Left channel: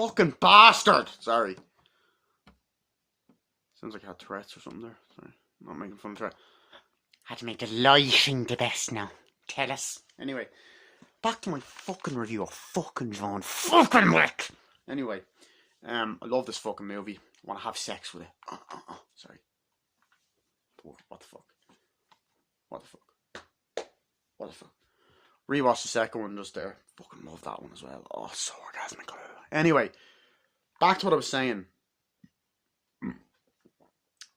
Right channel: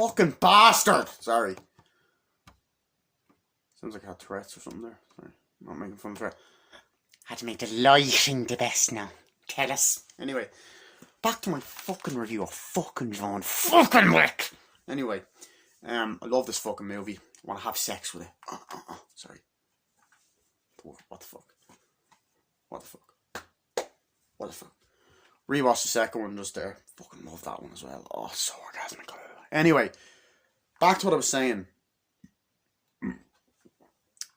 fucking bastard. Sorry. Sounds like I had Tourette's or something there. Sorry. I'm not making fun of Tourette's. Had to make the lighting the best now. Tell us. Anyway, back to my fucking review of fucking John fucking Wick. Anyway, I love this fucking movie. I want to have sex with it. Sorry. What the fuck? What the fuck? What the fuck? Rewatch the second one just there. Fucking love that one as well. Oh, so orgasmic. Anyway, back to what I was saying.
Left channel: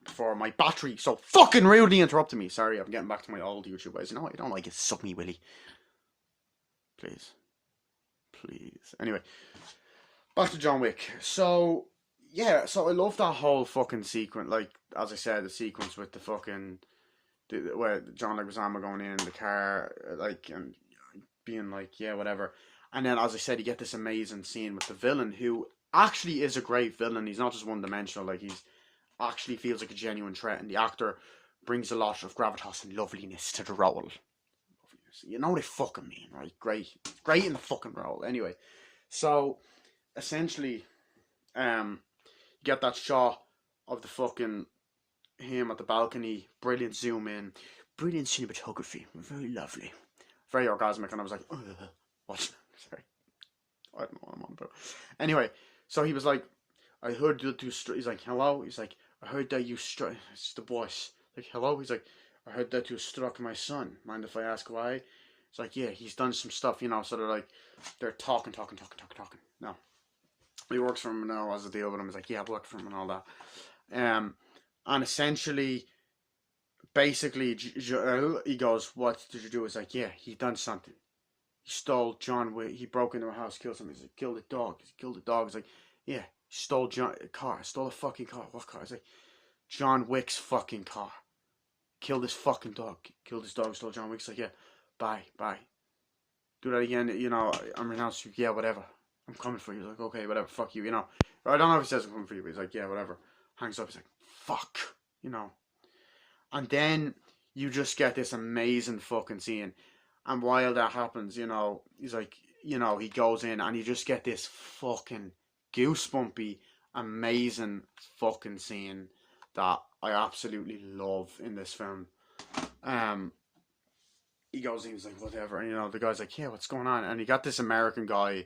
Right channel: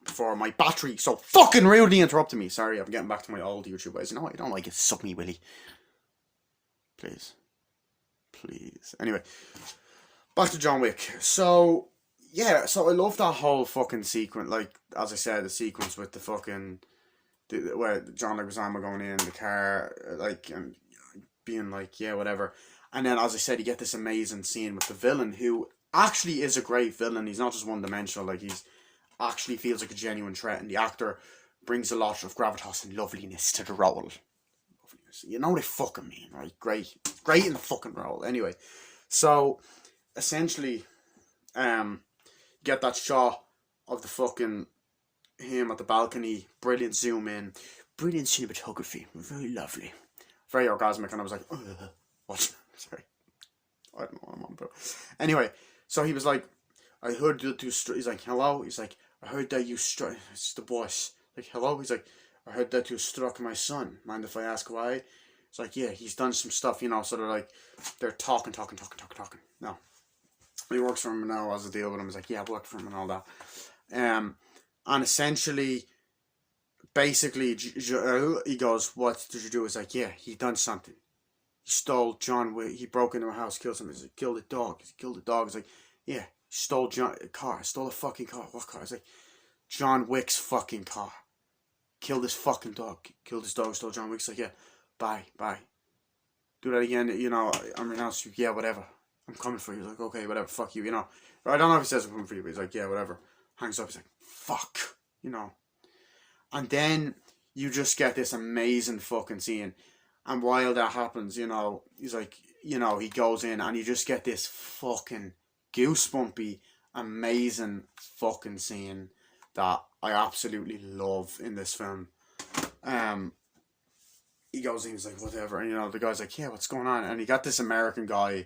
Before my battery so fucking rudely interrupted me. Sorry, I'm getting back to my old YouTube ways. You know what? You don't like it. Suck me, Willie. Please. Please. Anyway, back to John Wick. So, yeah, so I love that whole fucking sequence. Like, as I said, the sequence with the fucking... where John Leguizamo going in the car, like, and being like, yeah, whatever. And then, as I said, you get this amazing scene with the villain, who actually is a great villain. He's not just one-dimensional. Like, he's actually feels like a genuine threat, and the actor brings a lot of gravitas and loveliness to the role. Loveliness. You know what I fucking mean, right? Great in the fucking role. Anyway, so essentially, you get that shot of the fucking him at the balcony, brilliant zoom in, brilliant cinematography, very lovely, very orgasmic, and I was like, what? Sorry, I don't know what I'm on about. Anyway, so he was like, I heard that you he's like, hello, he's like, I heard that you struck, it's the boss, like, hello, he's like, I heard that you struck my son, mind if I ask why? It's like, yeah, he's done some stuff, you know, so they're talking, no, he works for him now as a deal with him. He's like, yeah, I work for him and all that, and essentially, basically, he goes, what did you do? He's like, yeah, he done something, he stole John Wick, he broke into my house, killed somebody, he's like, killed a dog, he's like, yeah, stole a fucking car. What car? It's like, John Wick's fucking car. Killed his fucking dog. Killed his dog, stole John Wick's like, yeah, bye. Do that again, you know, I'm your house, yeah, whatever. I'm coming for you. He's like, okay, whatever, fuck you, you know. Or I don't know if he says I'm coming for you, but he's like, yeah, whatever. Hangs up, he's like, fuck, you know. And then you just get this amazing fucking scene. And while that happens, you know, he's like, you know, he goes in and you just get this fucking goosebumpy, amazing fucking scene that I absolutely love in this film. He goes in, he's like, whatever, and you know, the guy's like, yeah, what's going on? And you got this American guy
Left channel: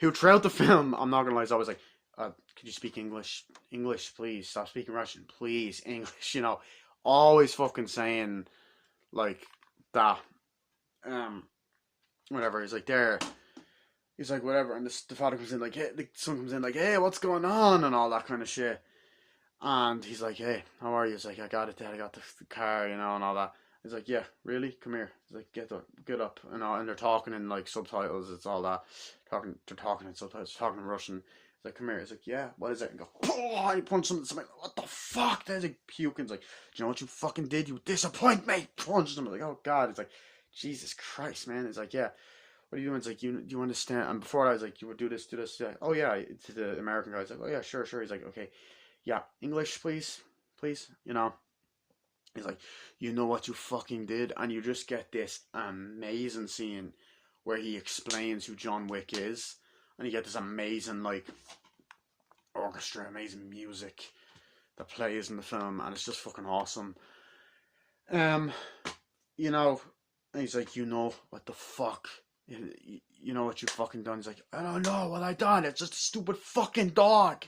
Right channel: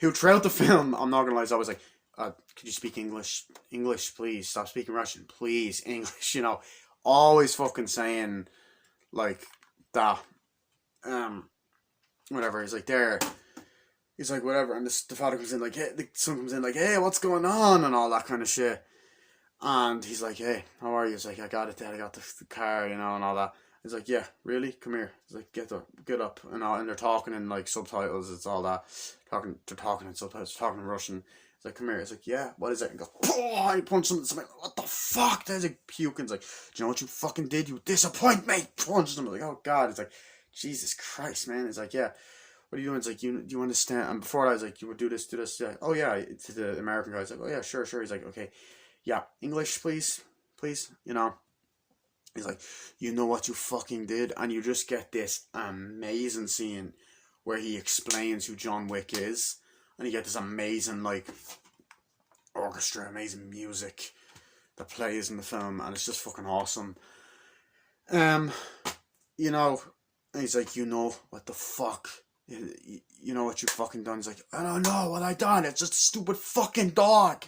who throughout the film, I'm not gonna lie, is always like, could you speak English? English, please. Stop speaking Russian, please. English, you know, always fucking saying like that. Whatever, he's like, there. He's like, whatever, and the father comes in like, hey, the son comes in like, hey, what's going on, and all that kind of shit. And he's like, hey, how are you? He's like, I got it, Dad, I got the car, you know, and all that. He's like, yeah, really? Come here. He's like, get up, and all, and they're talking in like subtitles, it's all that. They're talking in subtitles, talking in Russian. He's like, come here. He's like, yeah, what is it? And he goes, oh, he punches him. He's like, what the fuck? He's like, puking. He's like, do you know what you fucking did? You disappoint me. Punches him. I'm like, oh God. He's like, Jesus Christ, man. He's like, yeah. What are you doing? It's like, do you understand? And before that, I was like, you would do this. Yeah. Oh, yeah. To the American guy, he's like, oh, yeah, sure. He's like, okay. Yeah, English, please. You know. He's like, you know what you fucking did? And you just get this amazing scene where he explains who John Wick is. And you get this amazing, like, orchestra, amazing music that plays in the film. And it's just fucking awesome. You know, and he's like, you know what the fuck? You know what you fucking done? He's like, I don't know what I done. It's just a stupid fucking dog.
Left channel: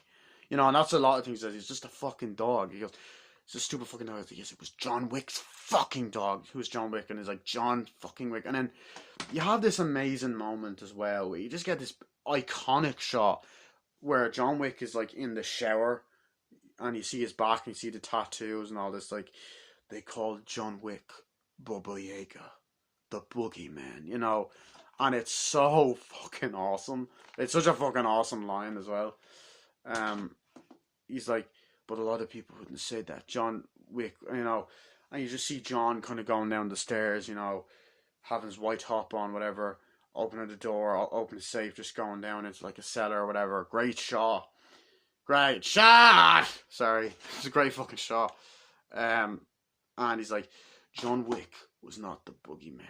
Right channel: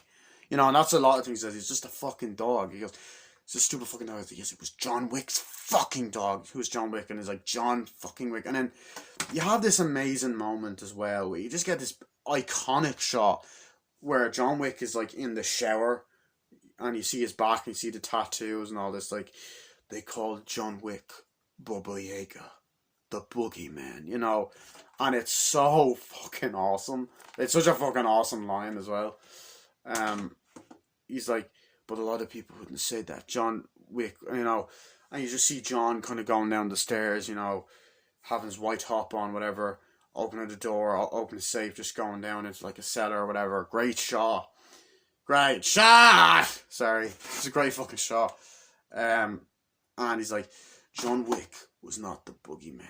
You know, and that's a lot of things. That he's just a fucking dog. He goes, it's a stupid fucking dog. I was like, yes, it was John Wick's fucking dog. Who's John Wick? And he's like, John fucking Wick. And then you have this amazing moment as well where you just get this iconic shot where John Wick is like in the shower and you see his back and you see the tattoos and all this. Like, they call John Wick Baba Yaga, the boogeyman, you know. And it's so fucking awesome. It's such a fucking awesome line as well. He's like, but a lot of people wouldn't say that. John Wick, you know, and you just see John kind of going down the stairs, you know, having his white top on, whatever, opening the door, open the safe, just going down into like a cellar or whatever. Great shot. Sorry. It's a great fucking shot. And he's like, John Wick was not the boogeyman.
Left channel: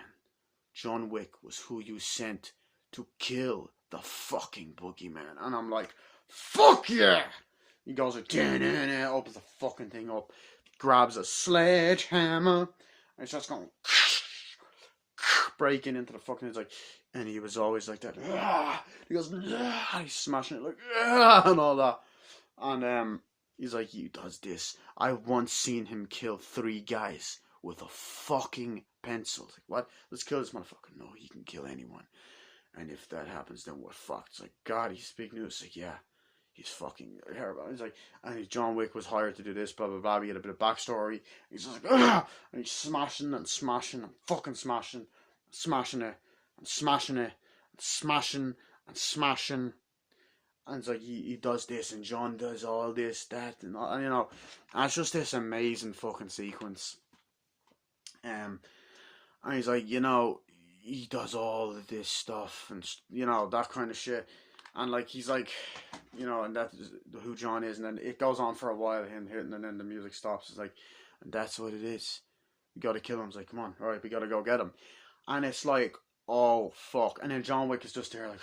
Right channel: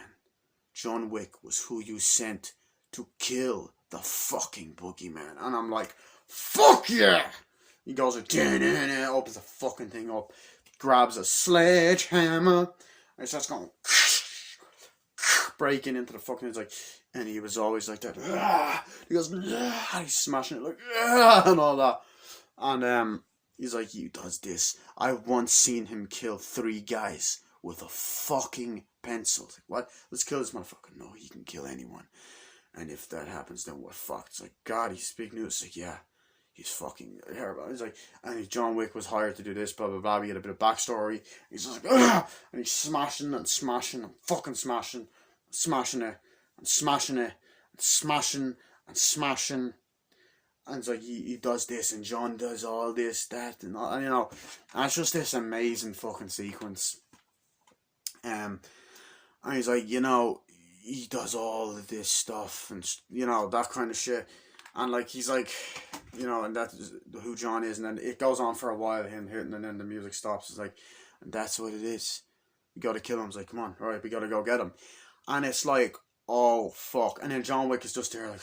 John Wick was who you sent to kill the fucking boogeyman. And I'm like, fuck yeah! He goes, opens the fucking thing up, grabs a sledgehammer, and starts going, breaking into the fucking, it's like, and he was always like that, he goes, he's smashing it, like, and all that. And he's like, he does this. I once seen him kill 3 guys with a fucking pencil. Like, what? Let's kill this motherfucker. No, he can kill anyone. And if that happens, then we're fucked. It's like, God, he's speaking news. It's like, yeah, he's fucking terrible. He's like, and John Wick was hired to do this, blah, blah, blah. We get a bit of backstory. He's just like, and he's smashing and smashing and fucking smashing, smashing it, and smashing it, and smashing and smashing. And it's like, he does this, and John does all this, that, and all, and, you know, and it's just this amazing fucking sequence. And he's like, you know, he does all of this stuff, and, you know, that kind of shit. And, like, he's like, you know, and that's who John is. And then it goes on for a while, him hitting, and then the music stops. It's like, and that's what it is. We gotta kill him. It's like, come on, alright, we gotta go get him. And it's like, oh, fuck. And then John Wick is just there, like,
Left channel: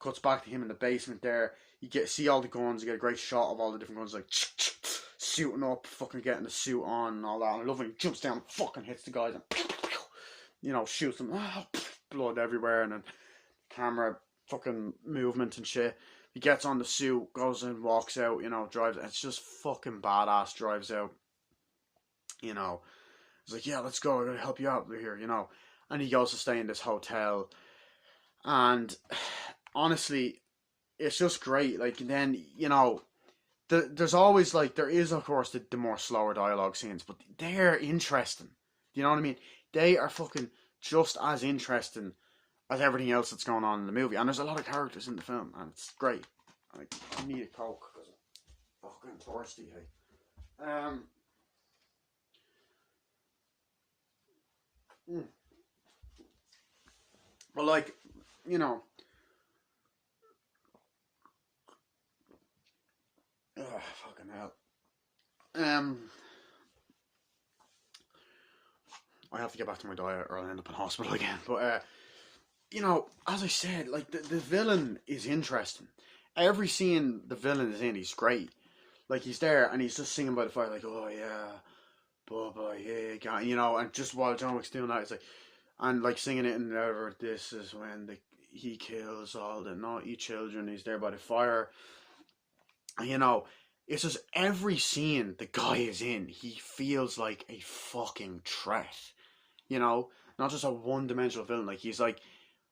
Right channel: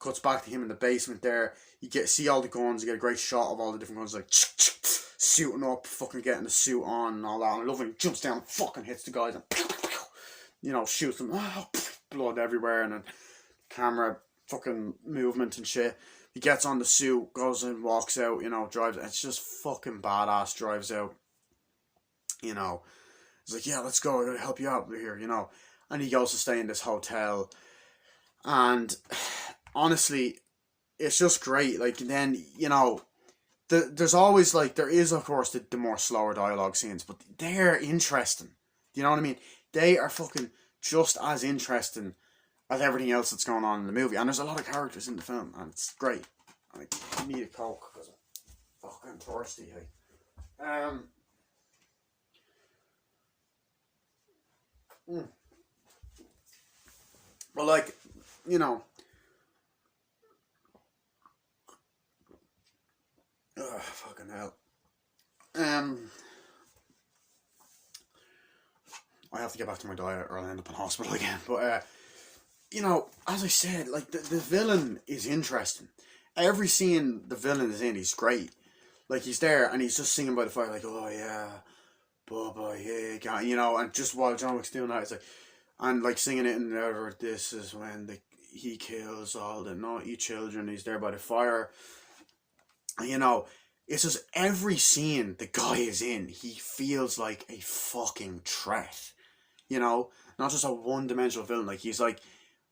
cuts back to him in the basement there. You see all the guns, you get a great shot of all the different guns, like, suiting up, fucking getting the suit on and all that. And I love when he jumps down, fucking hits the guys, and, you know, shoots them, blood everywhere, and then camera fucking movement and shit. He gets on the suit, goes and walks out, you know, drives. It's just fucking badass, drives out, you know. He's like, yeah, let's go, I gotta help you out here, you know. And he goes to stay in this hotel. And honestly, it's just great. Like, and then, you know, there's always, like, there is, of course, the more slower dialogue scenes, but they're interesting. You know what I mean? They are fucking just as interesting as everything else that's going on in the movie. And there's a lot of characters in the film, and it's great. Like, I need a Coke, because I'm fucking thirsty, hey. But, like, you know, fucking hell. I have to get back to my diet or I'll end up in hospital again. But, you know, as I said, like, the villain is interesting. Every scene the villain is in, he's great. Like, he's there and he's just singing by the fire, like, oh yeah, Bubba, yeah, you know, and just while John Wick's doing that, it's like, and like singing it in there, this is when he kills all the naughty children, he's there by the fire. And, you know, it's just every scene the guy is in, he feels like a fucking threat. You know, not just a one-dimensional villain. Like, he's like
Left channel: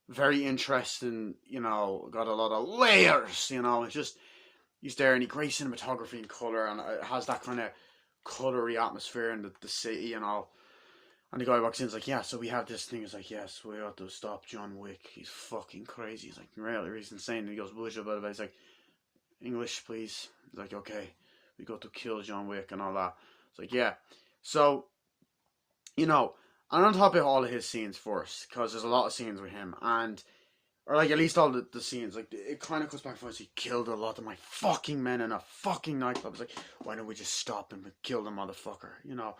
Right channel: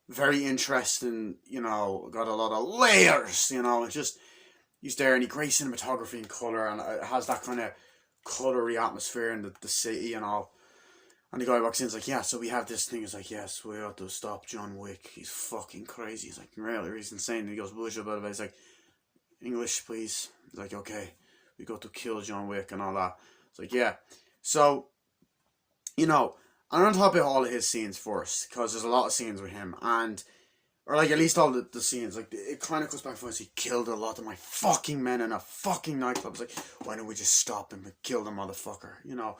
very interesting, you know, got a lot of layers, you know. It's just, he's there, and he great cinematography and colour, and it has that kind of colory atmosphere in the city and all. And the guy walks in, he's like, yeah, so we have this thing. He's like, yes, we ought to stop John Wick. He's fucking crazy. He's like, really, he's insane. And he goes, bullshit about it. He's like, English, please. He's like, okay, we got to kill John Wick and all that. It's like, yeah. So, you know, I'm on top of all of his scenes first, because there's a lot of scenes with him, and, or like at least all the scenes, like, it kind of goes back to us. He killed a lot of my fucking men in a fucking nightclub. It's like, why don't we just stop him and kill the motherfucker, you know?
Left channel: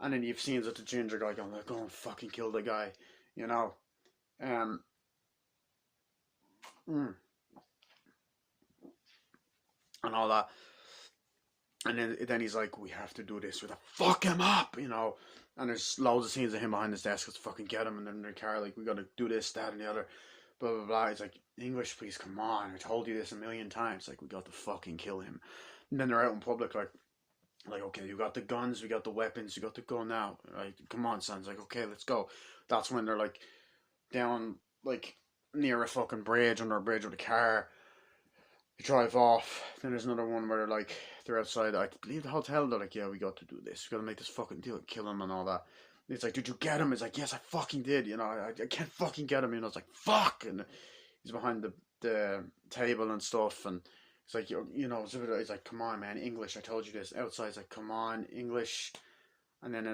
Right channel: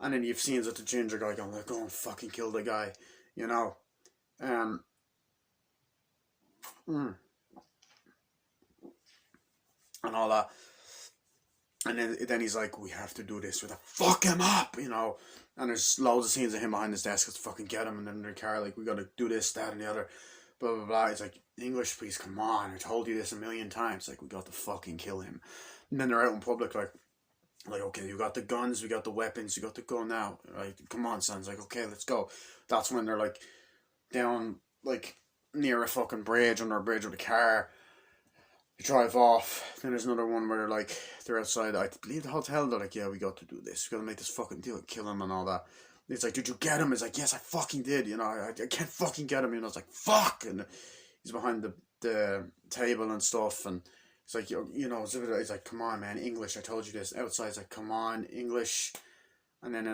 And then you've scenes with the ginger guy going, like, go and fucking kill the guy, you know? And all that. And then he's like, we have to do this with a fuck him up, you know? And there's loads of scenes of him behind his desk, let's fucking get him, and then in their car, like, we gotta do this, that, and the other, blah, blah, blah. He's like, English, please, come on, I told you this a million times, like, we got to fucking kill him. And then they're out in public, like, okay, you got the guns, we got the weapons, you got to go now, right? Come on, son. It's like, okay, let's go. That's when they're, like, down, like, near a fucking bridge, under a bridge with a car. They drive off. Then there's another one where, like, they're outside, I believe the hotel, they're like, yeah, we got to do this, we gotta make this fucking deal, kill him and all that. It's like, did you get him? It's like, yes, I fucking did, you know, I can't fucking get him, you know. It's like, fuck, and he's behind the table and stuff, and it's like, you know, it's like, come on, man, English, I told you this. Outside, it's like, come on, English. And then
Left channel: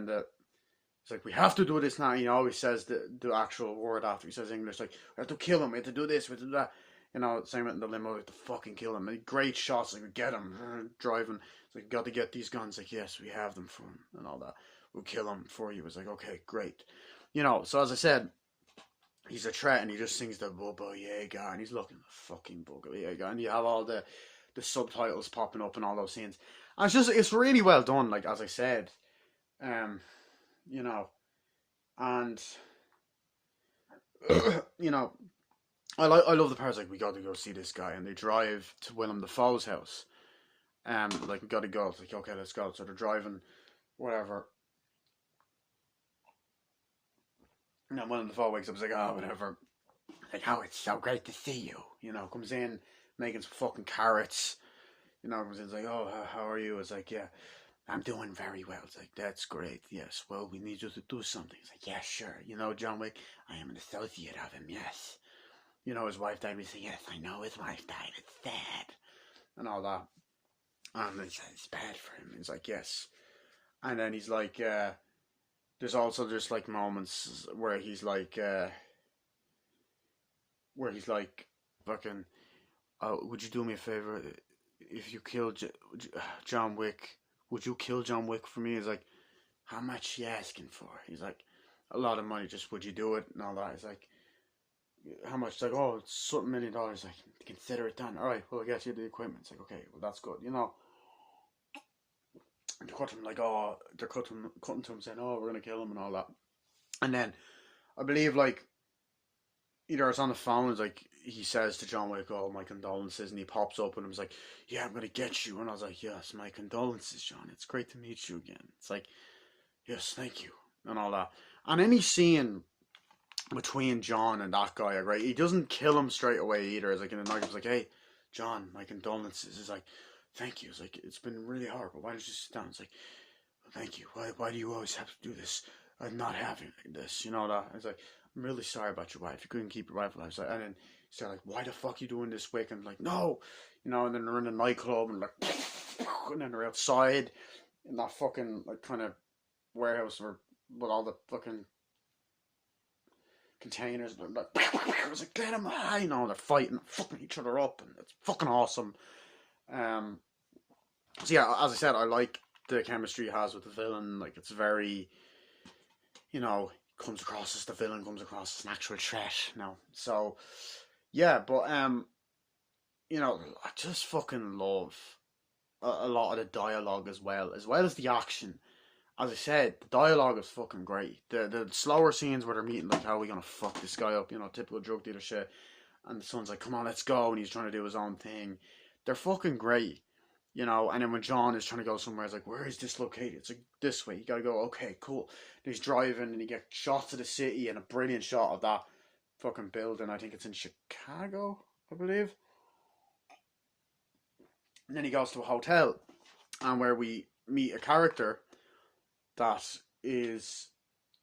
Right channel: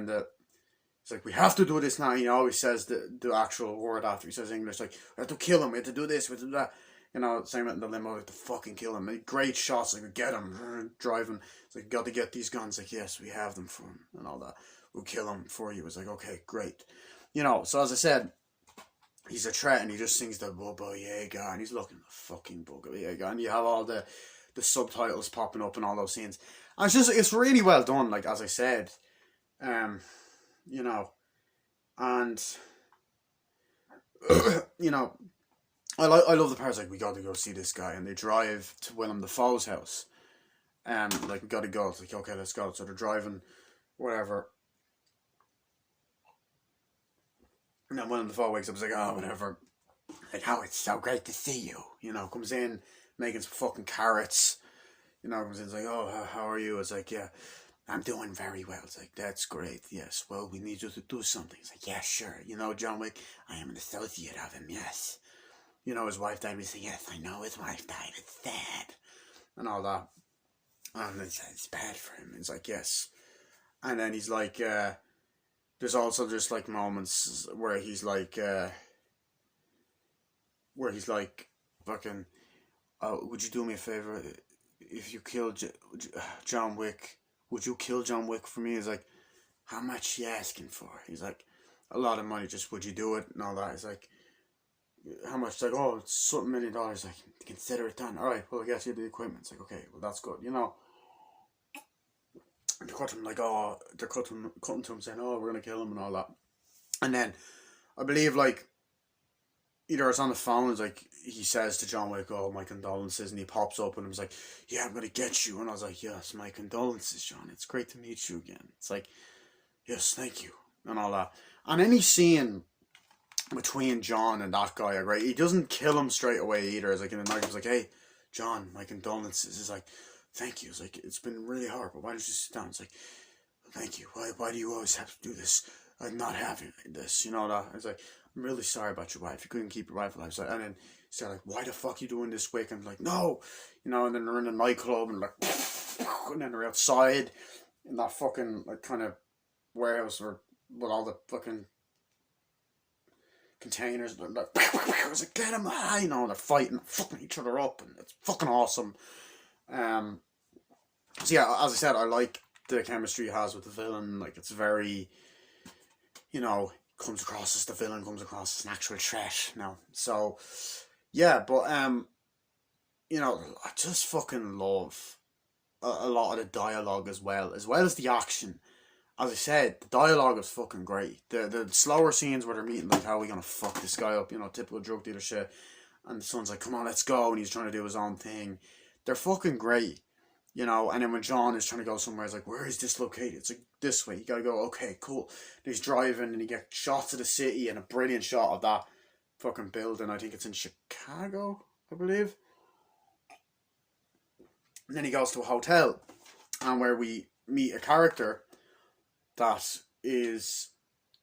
it's like, we have to do this now. He always says the actual word after he says English, like, we have to kill him, we have to do this, we have to do that. You know, same in the limo, we have to fucking kill him. And great shots, like, we get him, driving. It's like, got to get these guns. Like, yes, we have them for him, and all that. We'll kill him for you. It's like, okay, great. You know, so as I said, he's a threat, and he just sings the Bubba Yaga, and he's looking at the fucking Bubba Yaga, and you have all the subtitles popping up in all those scenes. And it's really well done, like, as I said. Um, you know, and you know, I love the parts like, we got to go see this guy, and they drive to Willem Dafoe's house. Like, we got to go. It's like, okay, let's go. So they're driving, whatever. And then Willem Dafoe wakes up, he's like, oh, whatever. Like, how it's so great to see you. You know, comes in, making some fucking carrots. You know, comes in, it's like, oh, how are you? It's like, yeah, I'm doing very well. It's like, that's great. Yes, well, we need you to do something. It's like, yeah, sure. You know, John Wick, I am an associate of him, yes. You know, his wife died. We say, yes, I know his wife died. It's sad. And all that. And it's bad for him. It's like, yes. And then he's like, there's also just like moments where he's like, fucking, oh, would you do me a favor? If you killed John Wick, would you kill John Wick for me? He's like, how much you asking for? He's like, a lot of money, just would you do it? And all that. He's like, how much? It's like, oh, it's something $1 million. Like, consider it done. Alright, well, I guess you have the equipment. It's like, okay, well, that's good. You know, and they cut him, like, oh, they're cutting to him saying, oh, we're going to kill him and all that. And then, I believe, like, either it's on the phone, it's like, he says to John Wick, oh, my condolences, and he pops up and he's like, yeah, I'm going to get you. And I was like, yes, my condolences, John. It's great to meet you again. It's like, yes, thank you, and all that. And any scene between John and that guy, right? He doesn't kill him straight away either. It's like, in the night, he's like, hey, John, my condolences. It's like, thank you. It's like, it's been really hard, but why don't you sit down? It's like, thank you. Why do you always have to do this? I'm not having this, you know that. It's like, I'm really sorry about your wife. You couldn't keep your wife alive. So, and then he's like, why the fuck you doing this, Wick? And I'm like, no, you know. And then they're in a nightclub and like, and then they're outside in that fucking like kind of warehouse or with all the fucking containers. And they're like, I was like, get him high, you know. And they're fighting, fucking each other up, and it's fucking awesome. So yeah, as I said, I like the chemistry he has with the villain. Like, it's very, you know, comes across as the villain, comes across as an actual threat. No, so yeah, but you know, I just fucking love a lot of the dialogue as well as the action. As I said, the dialogue is fucking great. The slower scenes where they're meeting, like, how are we gonna fuck this guy up? You know, typical drug dealer shit. And the son's like, come on, let's go, and he's trying to do his own thing. They're fucking great. You know, and then when John is trying to go somewhere, he's like, where is this located? It's like, this way. You gotta go, okay, cool. And he's driving, and he gets shots of the city, and a brilliant shot of that fucking building. I think it's in Chicago, I believe. And then he goes to a hotel, and where we meet a character that is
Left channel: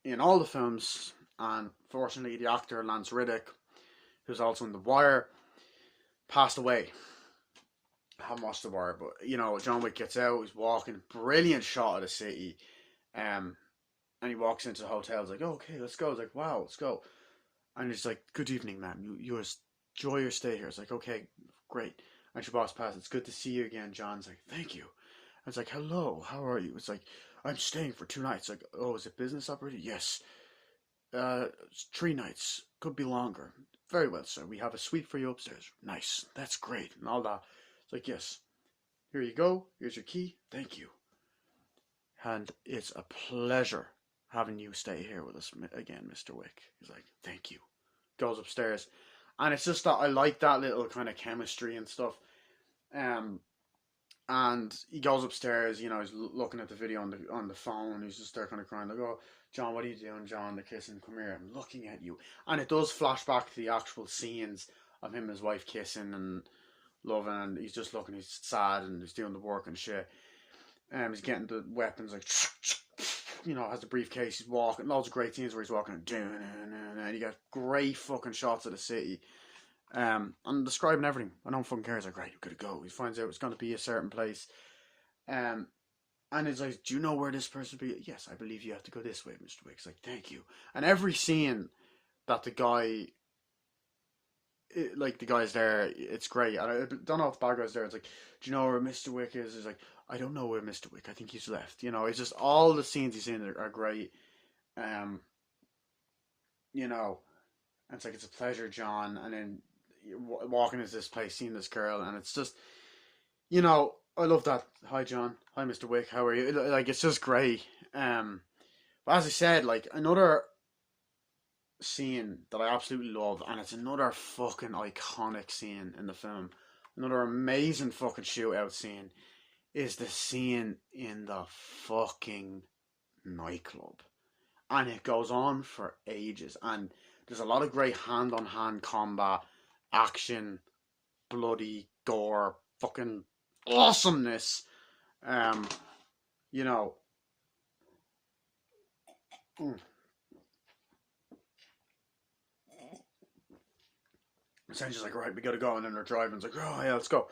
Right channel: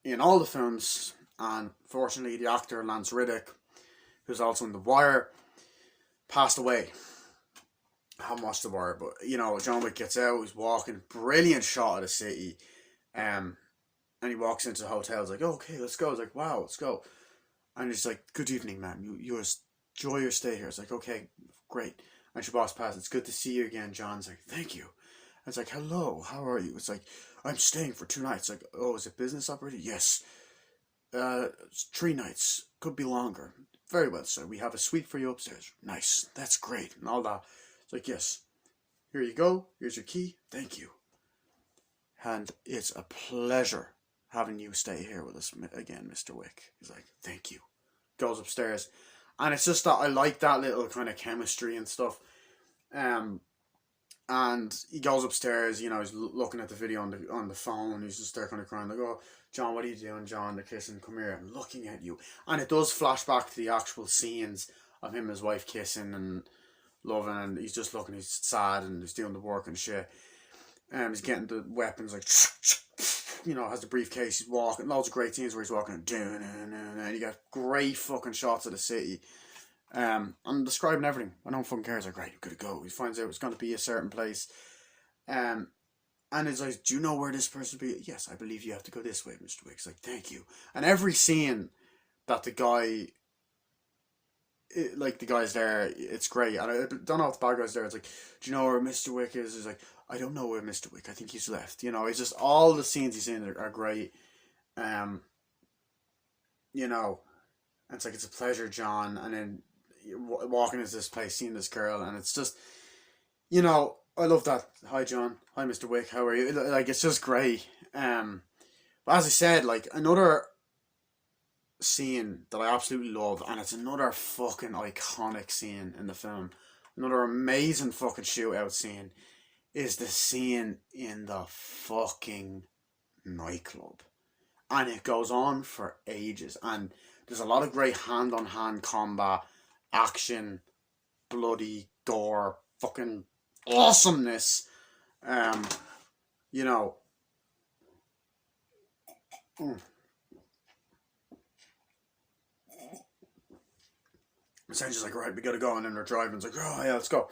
in all the films, and fortunately the actor Lance Reddick, who's also in The Wire, passed away. I haven't watched The Wire, but you know, John Wick gets out, he's walking, brilliant shot of the city, and he walks into the hotel. He's like, oh, okay, let's go. He's like, wow, let's go. And he's like, good evening, ma'am. You enjoy your stay here. It's like, okay, great. And she walks past. It's good to see you again, John. It's like, thank you. And it's like, hello, how are you? It's like, I'm staying for 2 nights. Like, oh, is it business operated? Yes. 3 nights. Could be longer. Very well, sir. We have a suite for you upstairs. Nice. That's great. And all that. It's like, yes. Here you go. Here's your key. Thank you. And it's a pleasure having you stay here with us again, Mr. Wick. He's like, thank you. Goes upstairs. And it's just that I like that little kind of chemistry and stuff. And he goes upstairs, you know, he's looking at the video on the phone. He's just there kind of crying, like, oh, John, what are you doing, John? They're kissing. Come here, I'm looking at you. And it does flash back to the actual scenes of him and his wife kissing and loving, and he's just looking, he's sad, and he's doing the work and shit. He's getting the weapons, like, you know, has the briefcase, he's walking, loads of great scenes where he's walking, and you get great fucking shots of the city. I'm describing everything. I don't fucking care. It's like, right, you're gonna go. He finds out it's gonna be a certain place. And it's like, do you know where this person will be? Yes, I believe you have to go this way, Mr. Wick. It's like, thank you. And every scene that the guy's there, it's great. I don't know if the bad guy's there. It's like, do you know where Mr. Wick is? It's like, I don't know where Mr. Wick. I think he's left. You know, it's just all the scenes he's in are great. You know, And it's like, it's a pleasure, John. And then walking into this place, seeing this girl, and it's just, you know, I love that. Hi, John. Hi, Mr. Wick. How are you? Like, it's just great. But as I said, like, another scene that I absolutely love, and it's another fucking iconic scene in the film, another amazing fucking shootout scene, is the scene in the fucking nightclub. And it goes on for ages, and there's a lot of great hand-on-hand combat, action, bloody gore, fucking awesomeness. You know, essentially like, right, we gotta go, and then they're driving. It's like, oh yeah, let's go.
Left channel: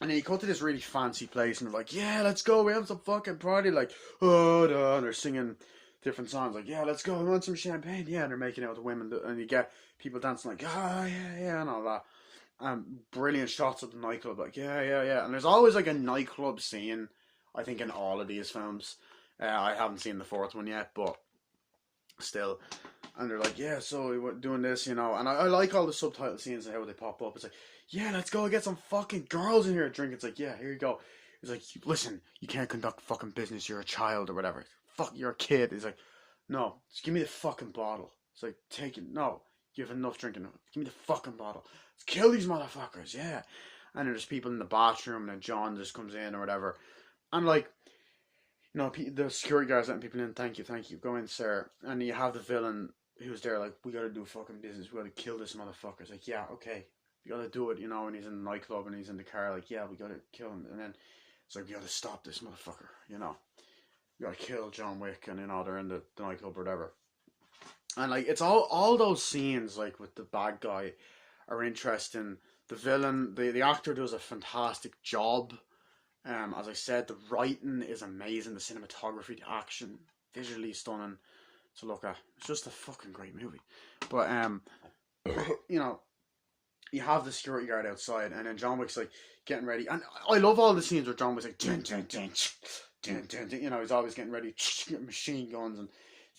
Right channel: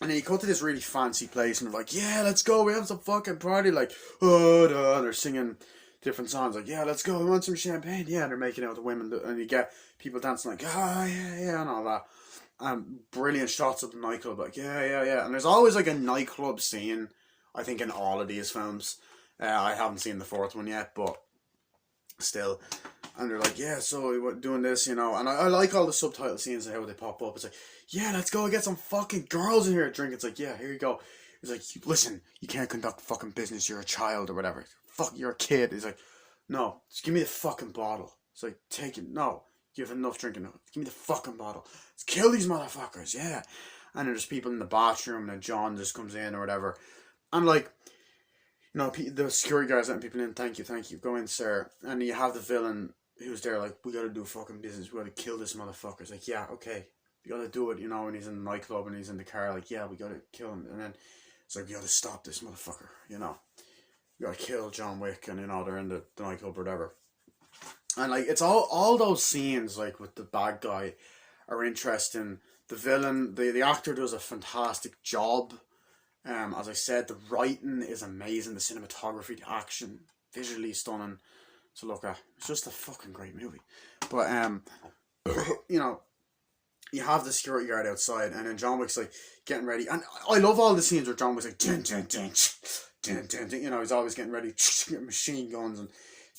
And then you go to this really fancy place, and they're like, yeah, let's go, we have some fucking party. Like, oh, they're singing different songs. Like, yeah, let's go, we want some champagne. Yeah, and they're making out with the women, and you get people dancing like, oh yeah, and all that. Brilliant shots of the nightclub. Like, yeah. And there's always like a nightclub scene, I think, in all of these films. I haven't seen the fourth one yet, but still. And they're like, yeah, so we're doing this, you know. And I like all the subtitle scenes and how they pop up. It's like, yeah, let's go get some fucking girls in here to drink. It's like, yeah, here you go. He's like, listen, you can't conduct fucking business. You're a child or whatever. Fuck, you're a kid. He's like, no, just give me the fucking bottle. It's like, take it. No, you have enough drinking. Give me the fucking bottle. Let's kill these motherfuckers, yeah. And there's people in the bathroom, and then John just comes in or whatever. And like, you know, the security guards letting people in. Thank you. Go in, sir. And you have the villain who's there, like, we gotta do fucking business. We gotta kill this motherfucker. It's like, yeah, okay. We gotta do it, you know. And he's in the nightclub, and he's in the car, like, yeah, we gotta kill him. And then it's like, we gotta stop this motherfucker, you know. We gotta kill John Wick, and, you know, they're in the nightclub or whatever. And, like, it's all those scenes, like, with the bad guy are interesting. The villain, the actor does a fantastic job. As I said, the writing is amazing. The cinematography, the action, visually stunning to look at. It's just a fucking great movie. But, you know, you have the security guard outside, and then John Wick's like getting ready. And I love all the scenes where John Wick's like, dun, dun, dun, dun, dun, dun. You know, he's always getting ready, getting machine guns and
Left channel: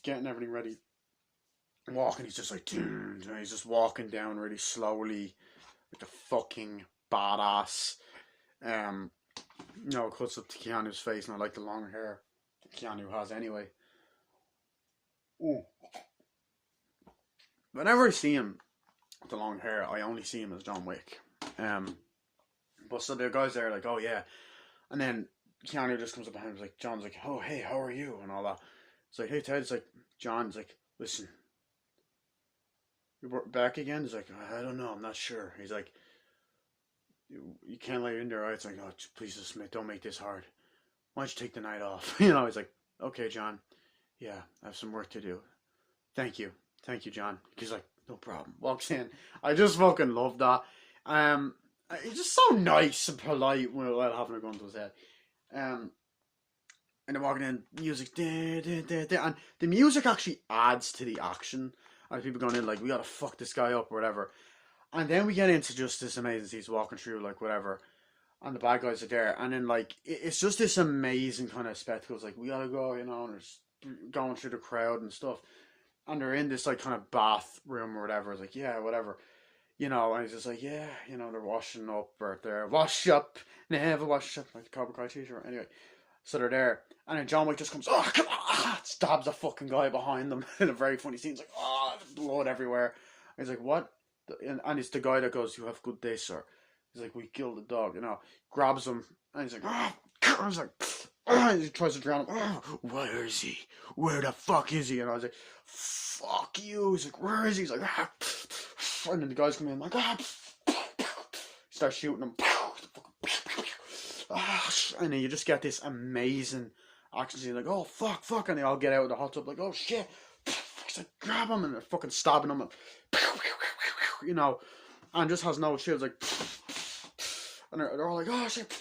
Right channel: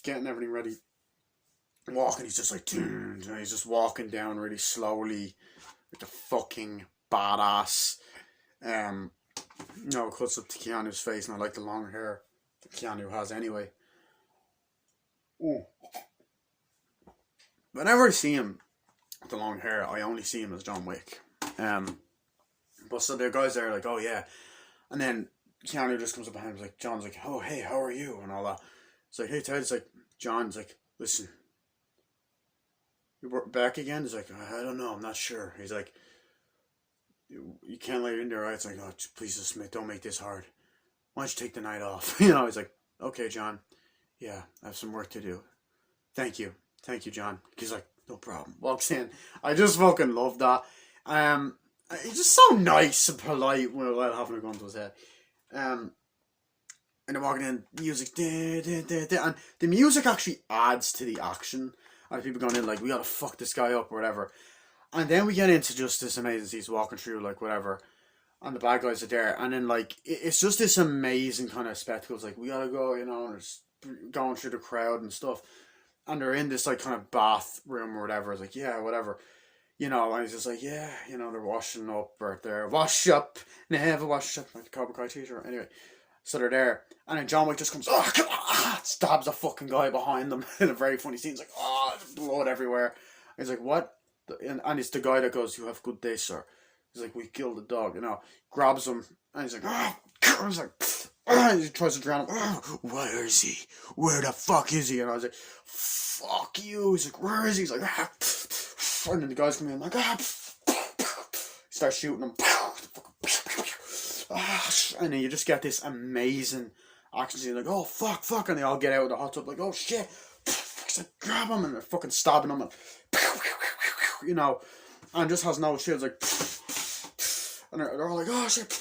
getting everything ready. Walking, he's just like, dun, dun. He's just walking down really slowly with the fucking badass. No, it cuts up to Keanu's face, and I like the long hair that Keanu has anyway. Ooh. Whenever I see him with the long hair, I only see him as John Wick. But so the guys there are like, oh yeah. And then Keanu just comes up behind him, like, John's like, oh hey, how are you? And all that. It's like, hey Ted, it's like, John's like, listen, you're back again? He's like, I don't know, I'm not sure. He's like, you can't let it in there, right? It's like, oh, please just don't make this hard. Why don't you take the night off? You know, he's like, okay, John. Yeah, I have some work to do. Thank you, John. He's like, no problem. Walks in. I just fucking love that. He's just so nice and polite without having a gun to his head. And they're walking in, music, and the music actually adds to the action. And people going in like, we gotta fuck this guy up or whatever. And then we get into just this amazing scene. He's walking through, like, whatever. And the bad guys are there. And then, like, it's just this amazing kind of spectacle. It's like, we gotta go, you know, and it's going through the crowd and stuff. And they're in this, like, kind of bathroom or whatever. It's like, yeah, whatever. You know, and he's just like, yeah, you know, they're washing up or they're wash up. Never wash up. Like the Cobra Kai t-shirt. Anyway, so they're there. And then John Wick just comes, oh, come on, stabs a fucking guy behind them in a very funny scene. He's like, oh, there's blood everywhere. And he's like, what? And it's the guy that goes, you have good day, sir. He's like, we killed the dog, you know. Grabs him, and he's like, he's like, he tries to drown him. Where is he? Where the fuck is he? And I was like, fuck you. He's like, where is he? He's like, and then the guys come in, like, start shooting him. And then you just get this amazing action scene, like, oh, fuck. And they all get out of the hot tub, like, oh, shit. Like, grab him, and they're fucking stabbing him, and you know, and just has no shit. It's like, and they're all like, oh shit.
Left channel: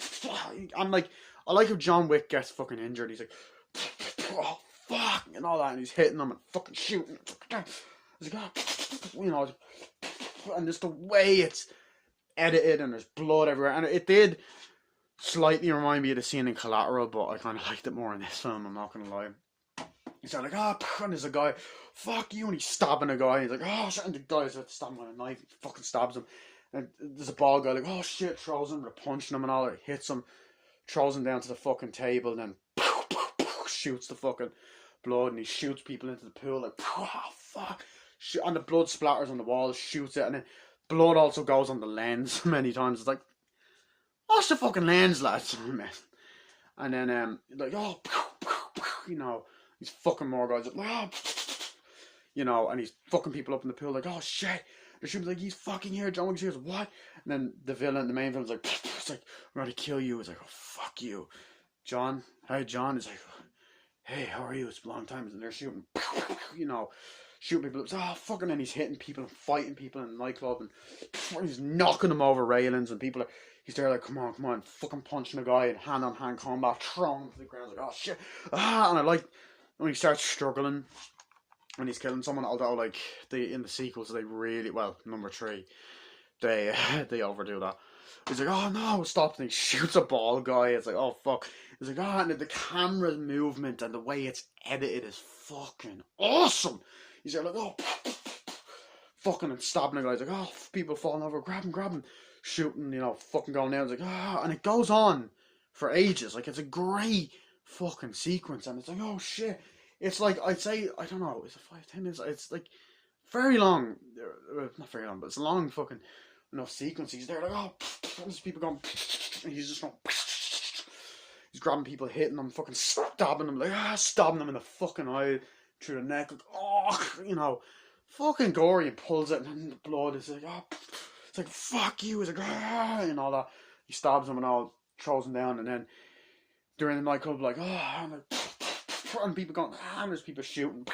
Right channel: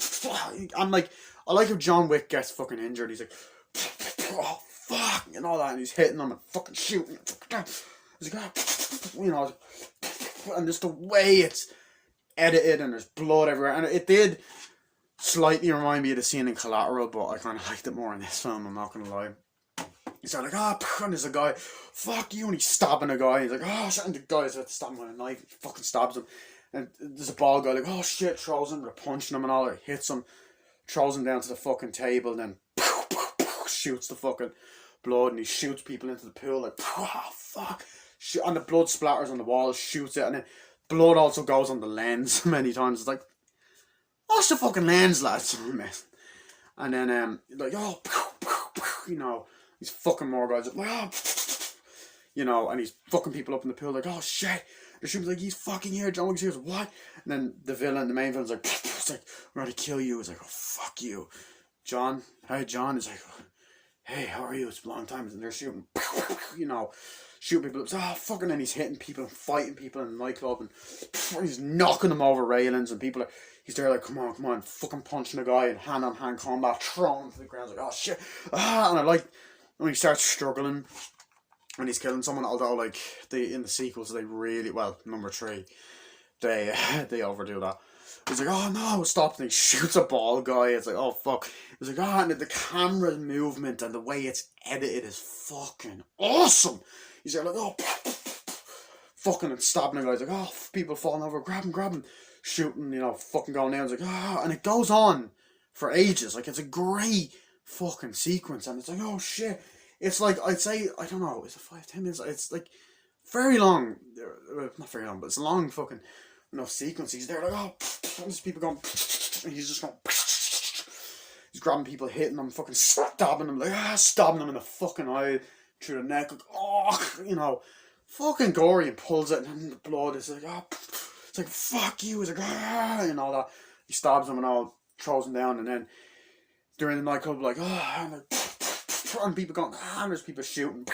I'm like, I like how John Wick gets fucking injured. He's like, oh fuck, and all that, and he's hitting them and fucking shooting. He's like, you know, and just the way it's edited and there's blood everywhere. And it did slightly remind me of the scene in Collateral, but I kind of liked it more in this film, I'm not gonna lie. He's like, and there's a guy, fuck you, and he's stabbing a guy. He's like, oh shit, and the guy's about to stab him with a knife. He fucking stabs him. And there's a bald guy like, oh shit, throws him, punching him and all, hits him, throws him down to the fucking table, and then shoots the fucking blood, and he shoots people into the pool, like, oh fuck. And the blood splatters on the wall, shoots it, and then blood also goes on the lens many times. It's like, wash the fucking lens, lads. And then, like, oh, you know, he's fucking more guys, like, oh, you know, and he's fucking people up in the pool, like, oh shit. The ship's like, he's fucking here. John Wick's here. What? And then the main villain's like, it's like, we're gonna kill you. It's like, oh, fuck you. John, hi, John. It's like, hey, how are you? It's a long time. And they're shooting, you know, shooting people. It's, oh, fucking, and he's hitting people and fighting people in the nightclub, and he's knocking them over railings, and people are, he's there like, come on, fucking punching a guy in hand-on-hand combat, throwing him to the ground, like, oh, shit. And I like when he starts struggling, when he's killing someone, although, like, in the sequels, they really, well, number 3, they overdo that. He's like, oh no, stop, and he shoots a ball guy. It's like, oh fuck. He's like, oh, and the camera movement and the way it's edited is fucking awesome. He's like, oh, fucking, and stabbing a guy. He's like, oh, people falling over, grab him, shooting, you know, fucking going down. It's like, oh, and it goes on for ages. Like, it's a great fucking sequence, and it's like, oh shit. It's like, I'd say, I don't know, is it 5-10 minutes? It's like very long, not very long, but it's a long fucking, you know, sequence. He's there like, oh, and there's people going, and he's just going, he's grabbing people, hitting them, fucking stabbing them, like, stabbing them in the fucking eye, through the neck, like, oh, you know, fucking gory, and pulls it, and then the blood is like, oh, it's like, fuck you, he's like, and all that. He stabs him and all, throws him down, and then during the nightclub, like, oh, and like, and people going, and there's people shooting,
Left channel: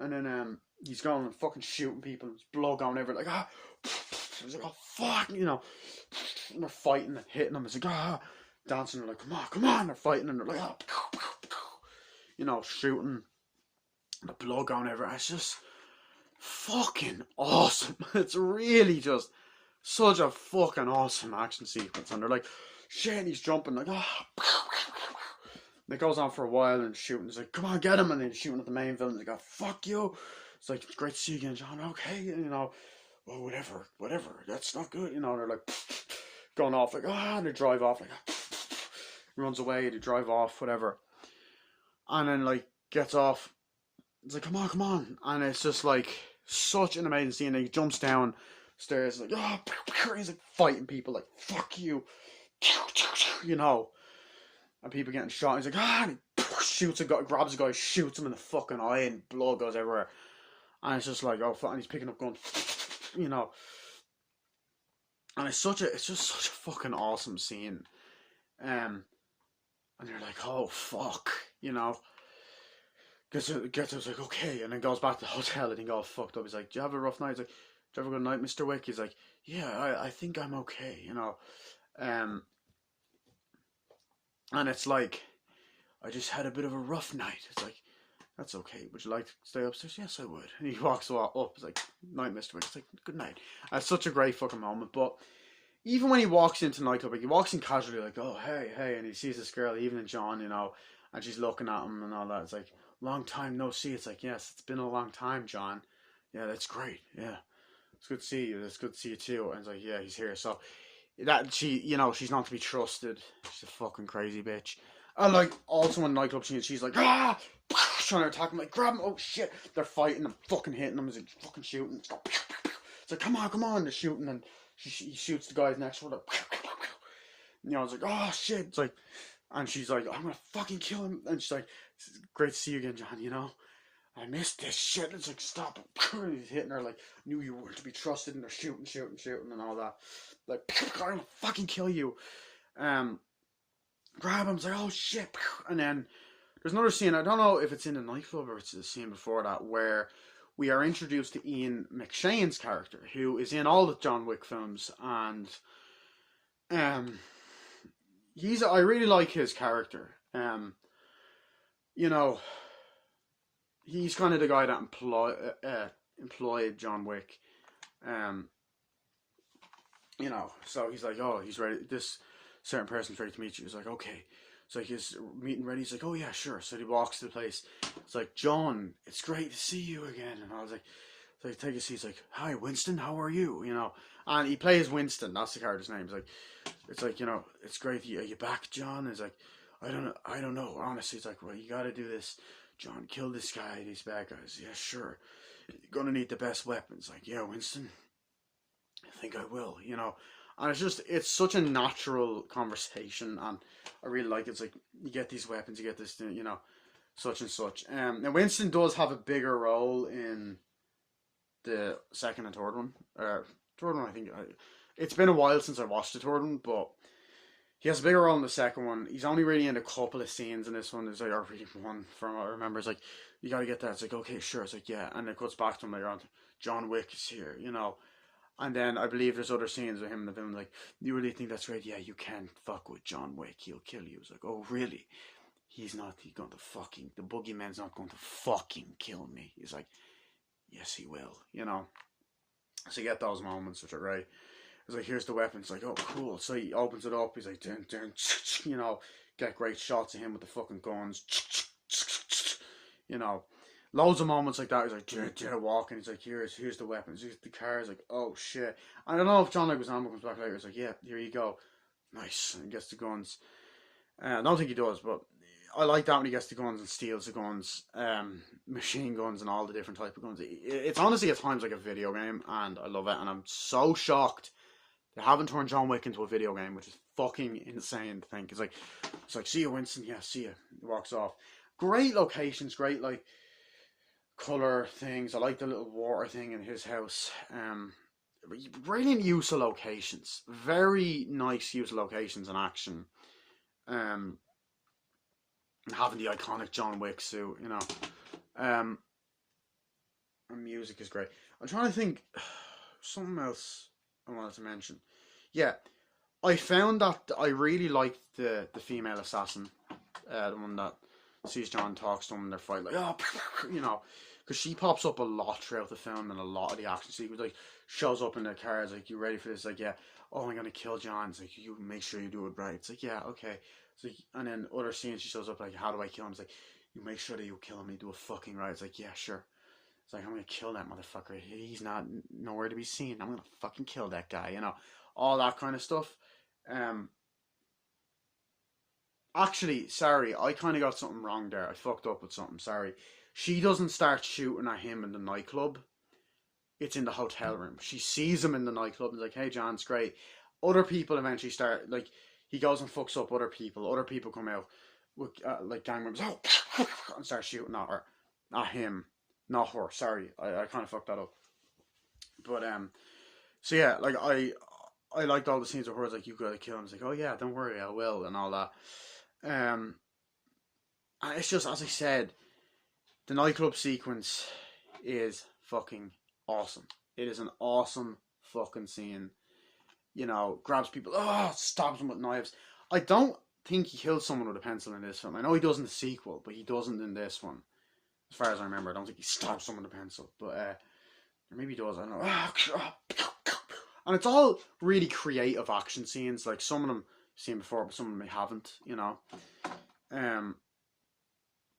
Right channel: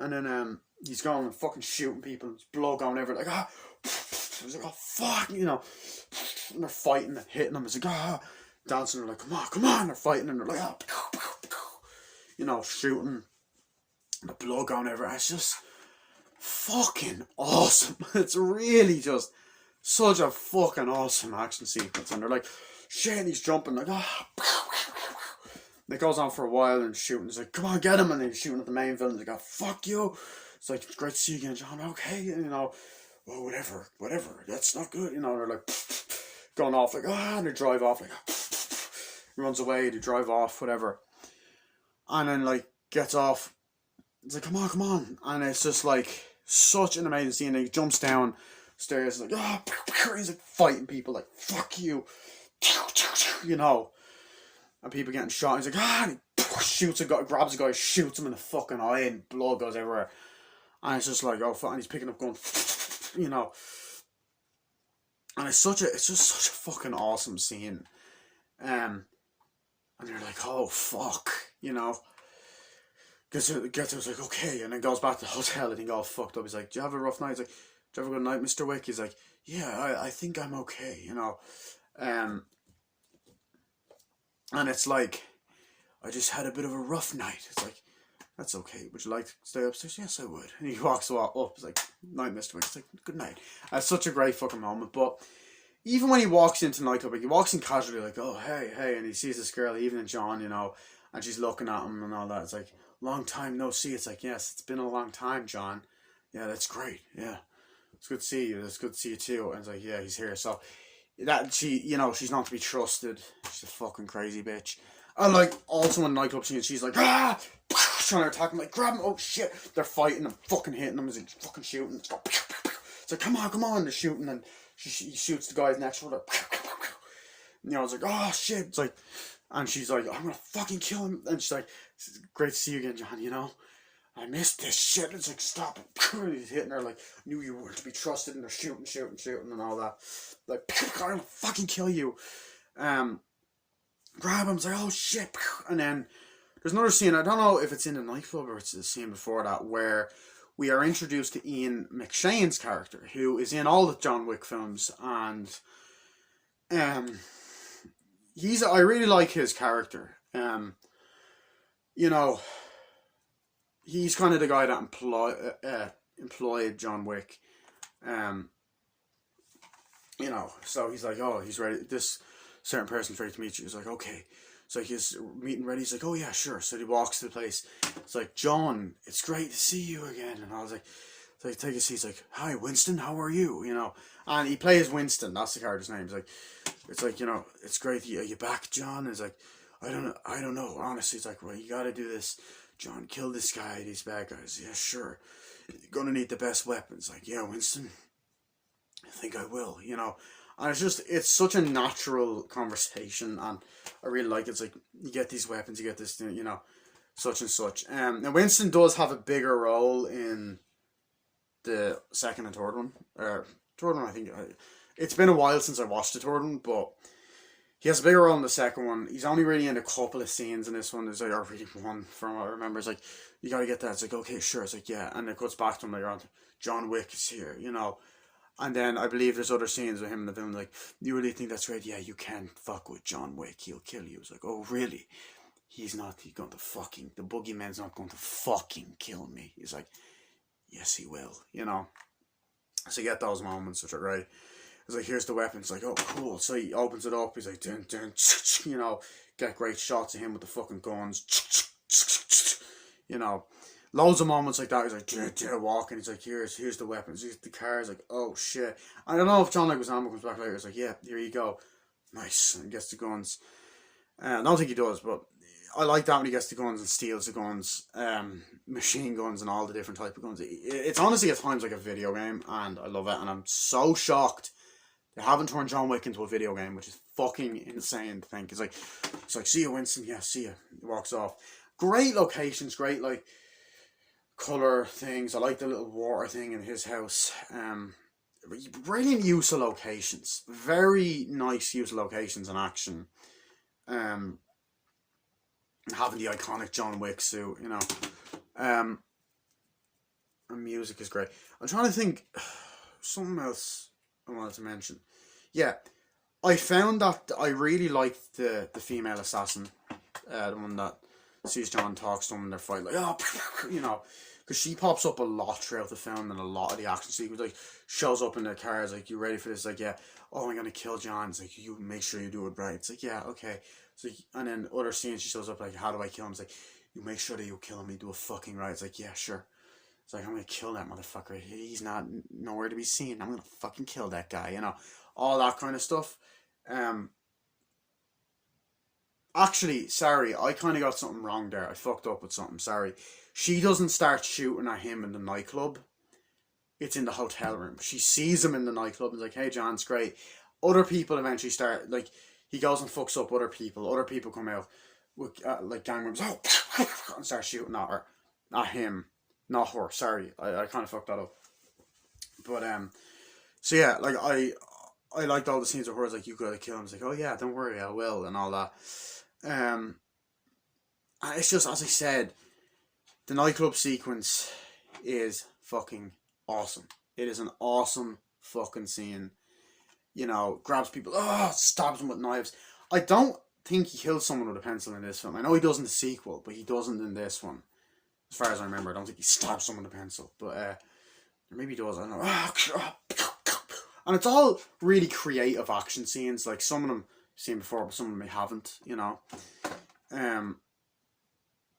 and then he's going and fucking shooting people, there's blood going everywhere, like, he's like, oh fuck, you know, and they're fighting and hitting them, it's like, dancing, they're like, come on, they're fighting, and they're like, you know, shooting, and the blood going everywhere. It's just fucking awesome. It's really just such a fucking awesome action sequence, and they're like, shit, he's jumping, like, and it goes on for a while, and shooting. It's like, come on, get him, and then he's shooting at the main villain. They go, fuck you. It's like, it's great to see you again, John. Okay, you know, oh, whatever. That's not good. You know, they're like going off, like, and they drive off, like, runs away. They drive off, whatever, and then like gets off. It's like, come on, and it's just like such an amazing scene. And he jumps down stairs, like, he's like fighting people, like, fuck you, you know. And people getting shot. He's like, and he shoots a guy, grabs a guy, shoots him in the fucking eye, and blood goes everywhere. And it's just like, oh fuck, and he's picking up gun, you know. And it's just such a fucking awesome scene. And you're like, oh fuck, you know. Gets like, okay, and then goes back to the hotel, and he goes fucked up. He's like, do you have a rough night? He's like, do you have a good night, Mr. Wick? He's like, yeah, I think I'm okay, you know. And it's like, I just had a bit of a rough night. It's like, that's okay. Would you like to stay upstairs? Yes, I would. And he walks up. It's like, night, Mr. Wick. It's like, good night. It's such a great fucking moment. But even when he walks into nightclub, like, he walks in casually, like, oh, hey, and he sees this girl, Evelyn John, you know, and she's looking at him and all that. It's like, long time no see. It's like, yes, it's been a long time, John. Yeah, that's great. Yeah, it's good to see you. It's good to see you too. And it's like, yeah, he's here. So that she, you know, she's not to be trusted. She's a fucking crazy bitch. And like, also in the nightclub, she's like, trying to attack him, like, grab him. Oh shit, they're fighting and fucking hitting him as he's fucking shooting. It's like, come on, they're shooting, and he shoots the guy's next to her. You know, it's like, oh shit. It's like, and she's like, I'm gonna fucking kill him. And she's like, it's great to see you again, John, you know. I missed this shit. It's like, stop it. He's hitting her, like, knew you were to be trusted, and they're shooting and all that. Like, I'm gonna fucking kill you. Grab him. It's like, oh shit. And then there's another scene, I don't know if it's in the nightclub or it's the scene before that, where we are introduced to Ian McShane's character, who is in all the John Wick films, and I really like his character. You know, he's kind of the guy that employed John Wick. You know, so he's like, oh, he's ready. This certain person's ready to meet you. He's like, okay, It's like his meeting ready. He's like, oh yeah, sure. So he walks to the place. It's like, John, it's great to see you again. And I was like, so I take a seat. He's like, hi, Winston, how are you? You know, and he plays Winston. That's the character's name. It's like, you know, it's great. Are you back, John? It's like, I don't know. Honestly, it's like, well, you gotta do this. John, kill this guy, these bad guys. Yeah, sure. You're gonna need the best weapons. Like, yeah, Winston, I think I will, you know. And it's such a natural conversation, and I really like it. It's like, you get these weapons, you get this thing, you know, such and such. Now, Winston does have a bigger role in the second and third one. Third one, I think. It's been a while since I watched the third one, but he has a bigger role in the second one. He's only really in a couple of scenes in this one. There's like, or really one from what I remember. It's like, you gotta get that. It's like, okay, sure. It's like, yeah. And it cuts back to him later on. John Wick is here, you know. And then I believe there's other scenes of him in the film, like, you really think that's great? Yeah, you can't fuck with John Wick. He'll kill you. It's like, oh, really? He's going to fucking, the boogeyman's not going to fucking kill me. He's like, yes, he will, you know. So you get those moments, which are great. It's like, here's the weapon. It's like, oh, cool. So he opens it up. He's like, dun, dun, you know, get great shots of him with the fucking guns. You know, loads of moments like that. He's like, walking. He's like, here's the weapons. Here's the car. He's like, oh, shit. I don't know if John Leguizamo comes back later. He's like, yeah, here you go. Nice. And he gets the guns. I don't think he does, but I like that when he gets the guns and steals the guns. Machine guns and all the different type of guns. It's honestly at times like a video game, and I love it. And I'm so shocked they haven't turned John Wick into a video game, which is fucking insane to think. It's like, see you, Winston. Yeah, see you. He walks off. Great locations, great like colour things. I like the little water thing in his house. Brilliant use of locations. Very nice use of locations and action. Having the iconic John Wick suit, you know. And music is great. I'm trying to think something else I wanted to mention. Yeah, I found that I really liked the female assassin, the one that sees John, talks to him, and they're fighting, like, oh, you know, because she pops up a lot throughout the film and a lot of the action sequence. Like, shows up in the cars, like, you ready for this? Like, yeah, oh, I'm gonna kill John. It's like, you make sure you do it right. It's like, yeah, okay. So, and then other scenes, she shows up like, how do I kill him? It's like, you make sure that you kill him. You do it fucking right. It's like, yeah, sure. It's like, I'm gonna kill that motherfucker. He's not nowhere to be seen. I'm gonna fucking kill that guy. You know, all that kind of stuff. Actually, sorry, I kind of got something wrong there. I fucked up with something. Sorry. She doesn't start shooting at him in the nightclub. It's in the hotel room. She sees him in the nightclub and is like, hey, John, it's great. Other people eventually start, like, he goes and fucks up other people. Other people come out with, like, gang members, and start shooting at her. Not him. Not her. Sorry. I kind of fucked that up. But, so yeah, like, I liked all the scenes of her. Like, you gotta kill him. It's like, oh yeah, don't worry, I will, and all that. And it's just, as I said, the nightclub sequence is fucking awesome. It is an awesome fucking scene. You know, grabs people, stabs them with knives. I don't think he kills someone with a pencil in this film. I know he does in the sequel, but he doesn't in this one. As far as I remember, I don't think he stabs someone with a pencil. But maybe he does, I don't know. And it's all really creative action scenes. Like, some of them I've seen before, but some of them I haven't, you know.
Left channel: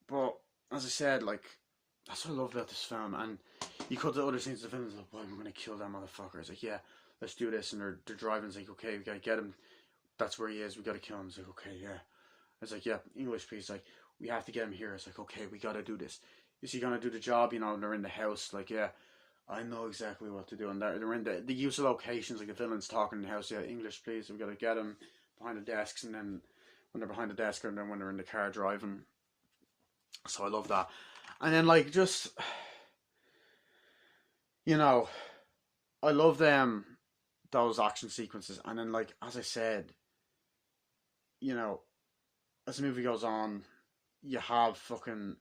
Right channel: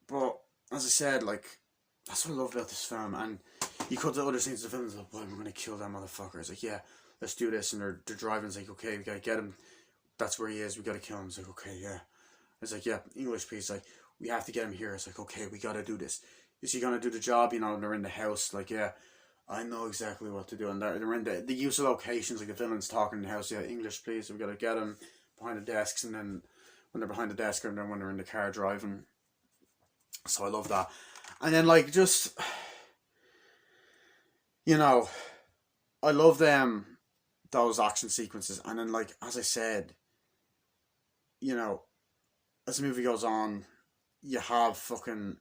But, as I said, like, that's what I love about this film. And you cut the other scenes of the film, it's like, well, I'm going to kill that motherfucker. It's like, yeah, let's do this. And they're driving. It's like, okay, we got to get him. That's where he is. We got to kill him. It's like, okay, yeah. It's like, yeah, English piece. Like, we have to get him here. It's like, okay, we got to do this. Is he going to do the job? You know, and they're in the house. Like, yeah, I know exactly what to do. And they're in the use of locations. Like, the villain's talking in the house. Yeah, English, please. We got to get him behind the desks. And then when they're behind the desk, and then when they're in the car driving. So I love that. And then, like, just, you know, I love those action sequences. And then, like, as I said, you know, as the movie goes on, you have fucking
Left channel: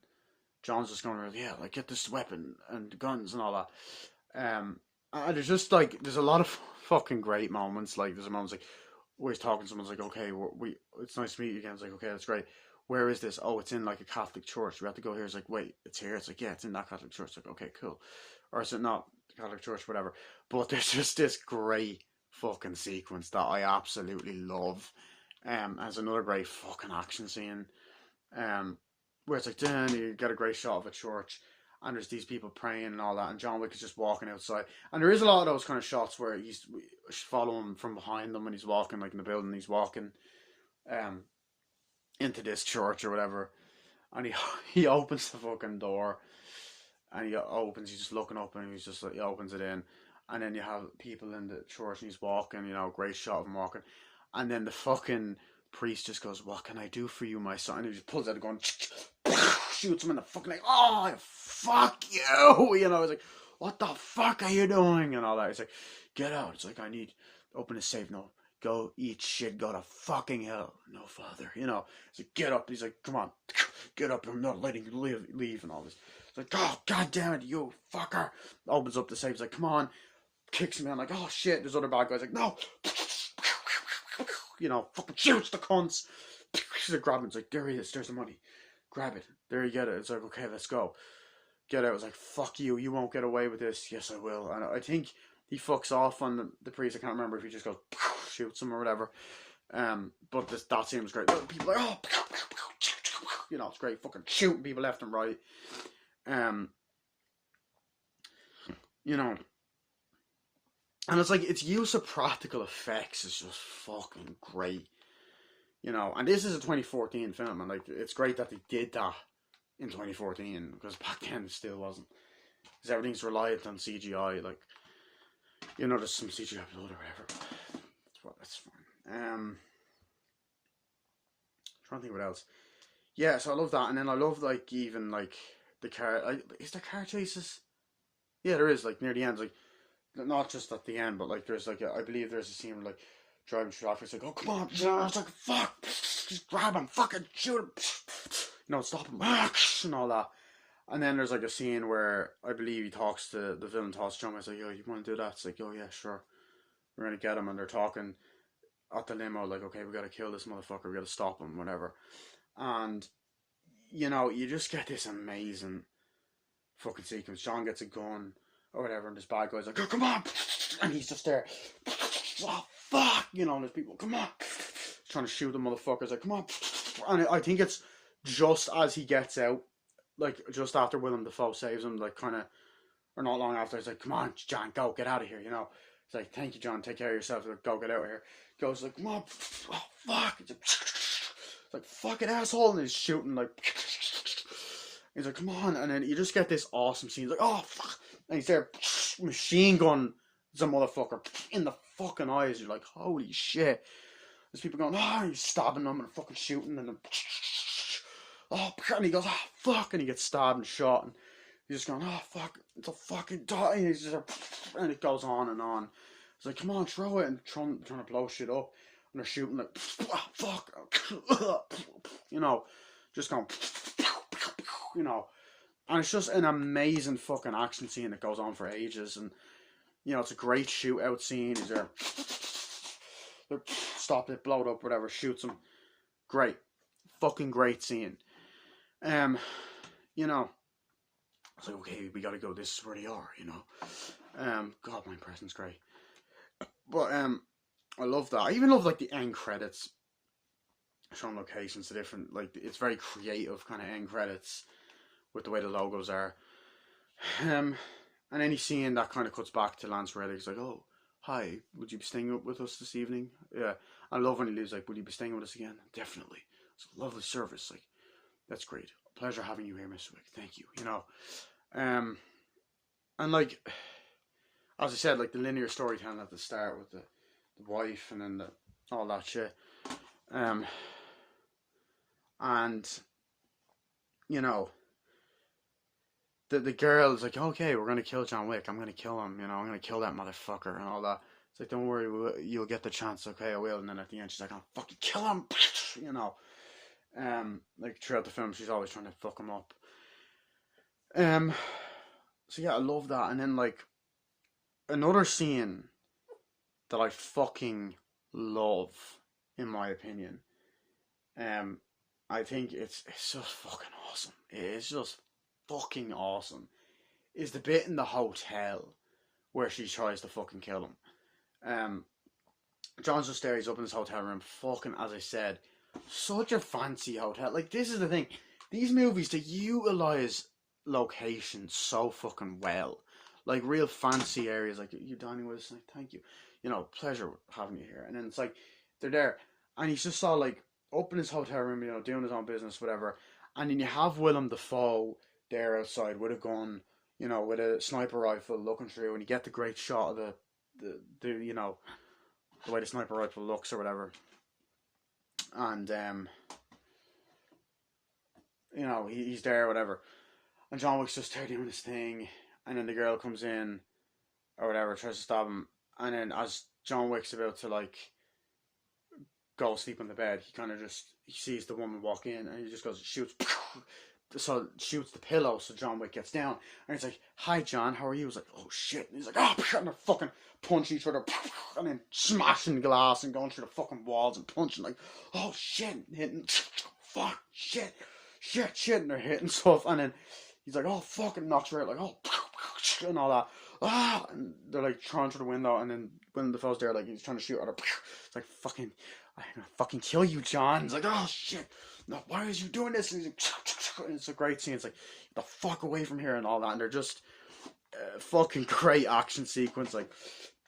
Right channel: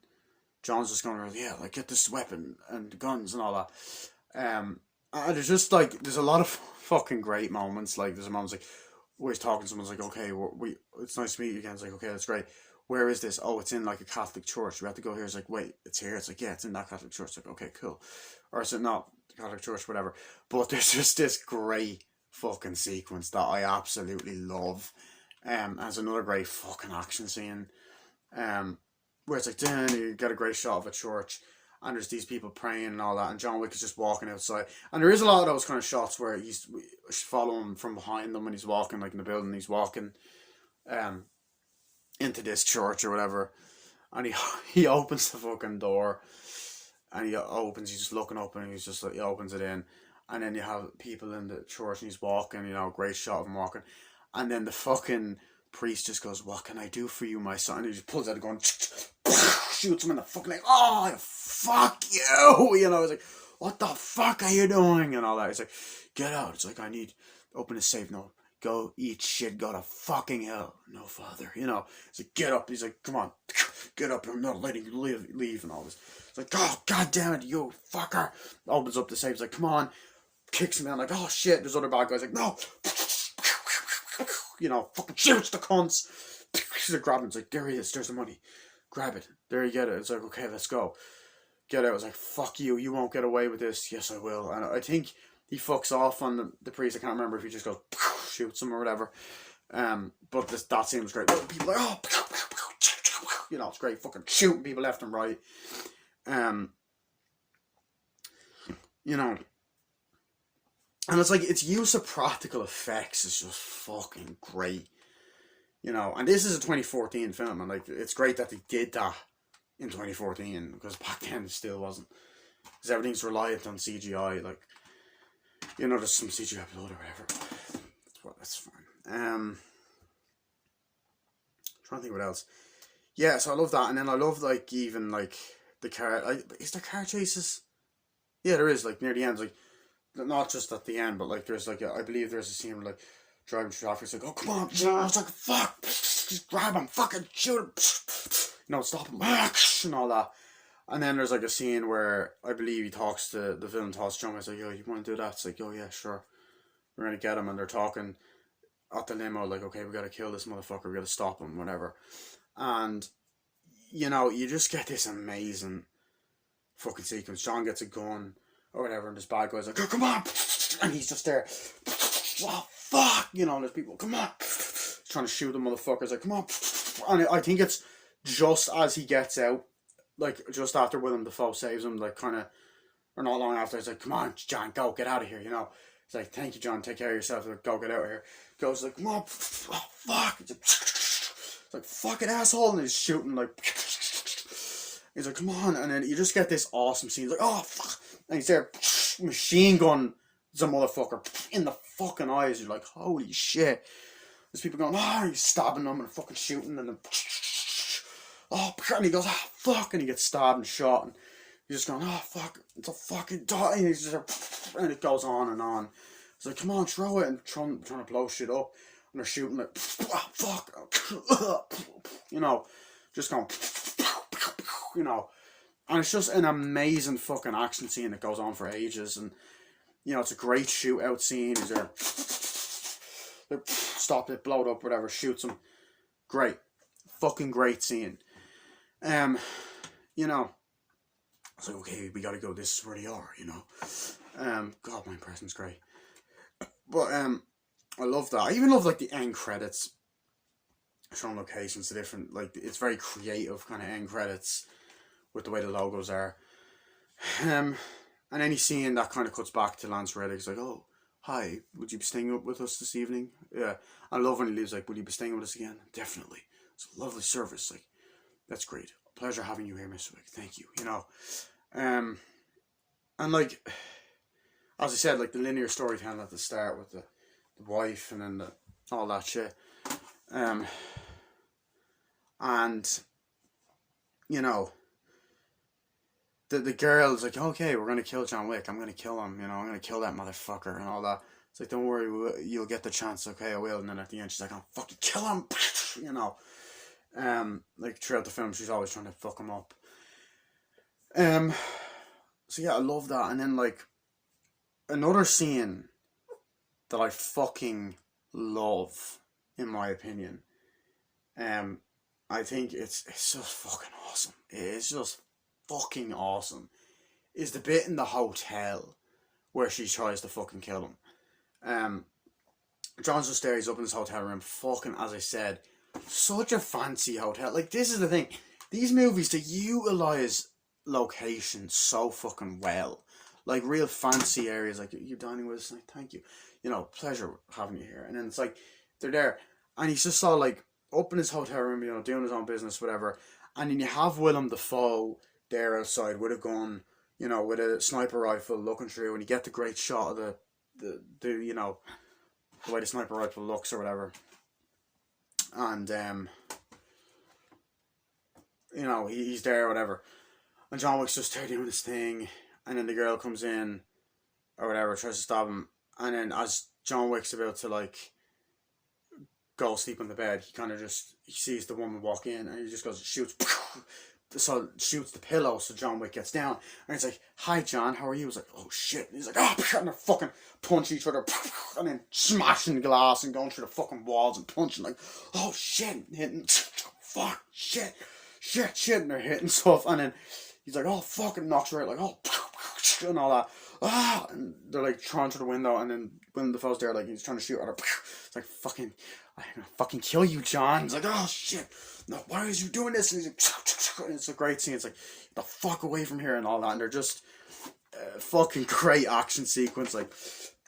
John's just going around, yeah, like, get this weapon and guns and all that. And there's just, like, there's a lot of fucking great moments. Like, there's moments like where he's talking to someone's like, okay, it's nice to meet you again. It's like, okay, that's great. Where is this? Oh, it's in, like, a Catholic church. We have to go here. It's like, wait, it's here. It's like, yeah, it's in that Catholic church. It's like, okay, cool. Or is it not Catholic church, whatever. But there's just this great fucking sequence that I absolutely love. As another great fucking action scene. Where it's like, then you get a great shot of a church, and there's these people praying and all that, and John Wick is just walking outside. And there is a lot of those kind of shots where he's following him from behind them when he's walking, like in the building, he's walking into this church or whatever, and he opens the fucking door, and he's just looking up, and he's just like, he opens it in, and then you have people in the church, and he's walking, great shot of him walking, and then the fucking priest just goes, "What can I do for you, my son?" And he just pulls out a gun, shoots him in the fucking leg. "Oh, fuck you!" He's like, "What the fuck are you doing?" And all that. He's like, "Get out." It's like, "I need open the safe." "No, go eat shit, go to fucking hell." "No, father." He's like, "Get up." He's like, "Come on, get up, I'm not letting you leave and all this. It's like, "Oh, god damn it, you fucker." Opens up the safe, he's like, "Come on." Kicks him out, like, "Oh shit." There's other bad guys like, "No." Fucking shoots the cunts. He's like, grab him. It's like, "There he is, there's the money. Grab it. There you get it." It's like, "Okay, let's go." Get out. It's like, "Fuck you, you won't get away with this." "Yes, I will." And I think he fucks off on the priest. I can't remember if he just goes, shoots him or whatever. But that scene was great. People are like, "Oh," it's great, fucking shooting people left and right. And it's like, its use of practical effects is just fucking great. And this is a 2014 film, and like, it's great that they did that in 2014, because back then it still wasn't. Because everything's reliant on CGI, like, there's some CGI blood or whatever. That's fine. Trying to think what else. Yeah, so I love that, and then I love, like, even, like, the car, is there car chases? Yeah, there is, like, near the end, like, not just at the end, but like, there's like, I believe there's a scene where, like, driving traffic, it's like, "Oh, come on." I was like, "Fuck, just grab him, fucking shoot him, stop him," and all that. And then there's like a scene where I believe the villain talks to John. I was like, "Yo, you want to do that?" It's like, "Oh yeah, sure, we're gonna get him." And they're talking at the limo, like, "Okay, we gotta kill this motherfucker, we gotta stop him, whatever." And you just get this amazing fucking sequence. John gets a gun or whatever, and this bad guy's like, "Oh, come on," and he's just there, "Oh, fuck," there's people, "Come on," trying to shoot the motherfuckers, like, "Come on," and I think it's just as he gets out, like, just after Willem Dafoe saves him, like, kind of, or not long after, it's like, "Come on, John, go, get out of here," It's like, "Thank you, John, take care of yourself, like, go, get out of here." Goes like, "Come on, oh, fuck," it's like, "Fucking asshole," and he's shooting, like, he's like, "Come on," and then you just get this awesome scene, like, "Oh, fuck," and he's there, machine gun some motherfucker in the fucking eyes. You're like, holy shit. There's people going, "Oh," he's stabbing them and fucking shooting, and then, "Oh," and he goes, "Oh, fuck," and he gets stabbed and shot, and he's just going, "Oh, fuck, it's a fucking die," and he's just, and it goes on and on. It's like, "Come on, throw it," and trying to blow shit up, and they're shooting like, "Oh, fuck," just going, and it's just an amazing fucking action scene that goes on for ages, and it's a great shootout scene. Is there, stop it, blow it up, whatever, shoots him, great, fucking great scene. It's like, okay, we gotta go, this is where they are, God, my impression's great. But I love that. I even love, like, the end credits, showing locations to different, like, it's very creative kind of end credits with the way the logos are. And any scene that kind of cuts back to Lance Reddick, it's like, "Oh, hi, would you be staying up with us this evening?" Yeah, I love when he leaves, like, "Will you be staying with us again?" "Definitely. It's a lovely service." Like, "That's great. Pleasure having you here, Mr. Wick. Thank you." And like, as I said, like, the linear storytelling at the start with the wife and then all that shit. And the girl's like, "Okay, we're gonna kill John Wick. I'm gonna kill him. I'm gonna kill that motherfucker," and all that. It's like, "Don't worry, you'll get the chance." "Okay, I will." And then at the end, she's like, "I'll fucking kill him," Like, throughout the film, she's always trying to fuck him up. So yeah, I love that. And then, like, another scene that I fucking love, in my opinion, I think it's just fucking awesome. It's just fucking awesome. Is the bit in the hotel where she tries to fucking kill him. John's just there, he's up in his hotel room, fucking, as I said, such a fancy hotel. Like, this is the thing, these movies, they utilise locations so fucking well. Like, real fancy areas, like, you dining with us, like, thank you. You know, pleasure having you here. And then it's like, they're there, and he's just all like, up in his hotel room, you know, doing his own business, whatever. And then you have Willem Dafoe there outside with a gun, you know, with a sniper rifle looking through, and you get the great shot of the you know, the way the sniper rifle looks or whatever. And, you know, he's there or whatever. And John Wick's just there doing his thing, and then the girl comes in or whatever, tries to stop him. And then as John Wick's about to, like, go sleep on the bed, he kind of just, he sees the woman walk in, and he just goes, shoots the pillow, so John Wick gets down, and he's like, hi John, how are you? He's like, oh shit, and he's like, oh, and they're fucking punch each other, and then smashing glass and going through the fucking walls and punching, like, oh shit, hitting, fuck, shit, and they're hitting stuff, and then he's like, oh fuck, and knocks her out, like, oh, and all that, and they're like throwing through the window, and then when the fellow's there, like, he's trying to shoot at her, it's like, fucking, I'm gonna fucking kill you, John. It's like, oh shit, no, why is you doing this? And he's like, it's a great scene. It's like, get the fuck away from here and all that. And they're just fucking great action sequence. Like,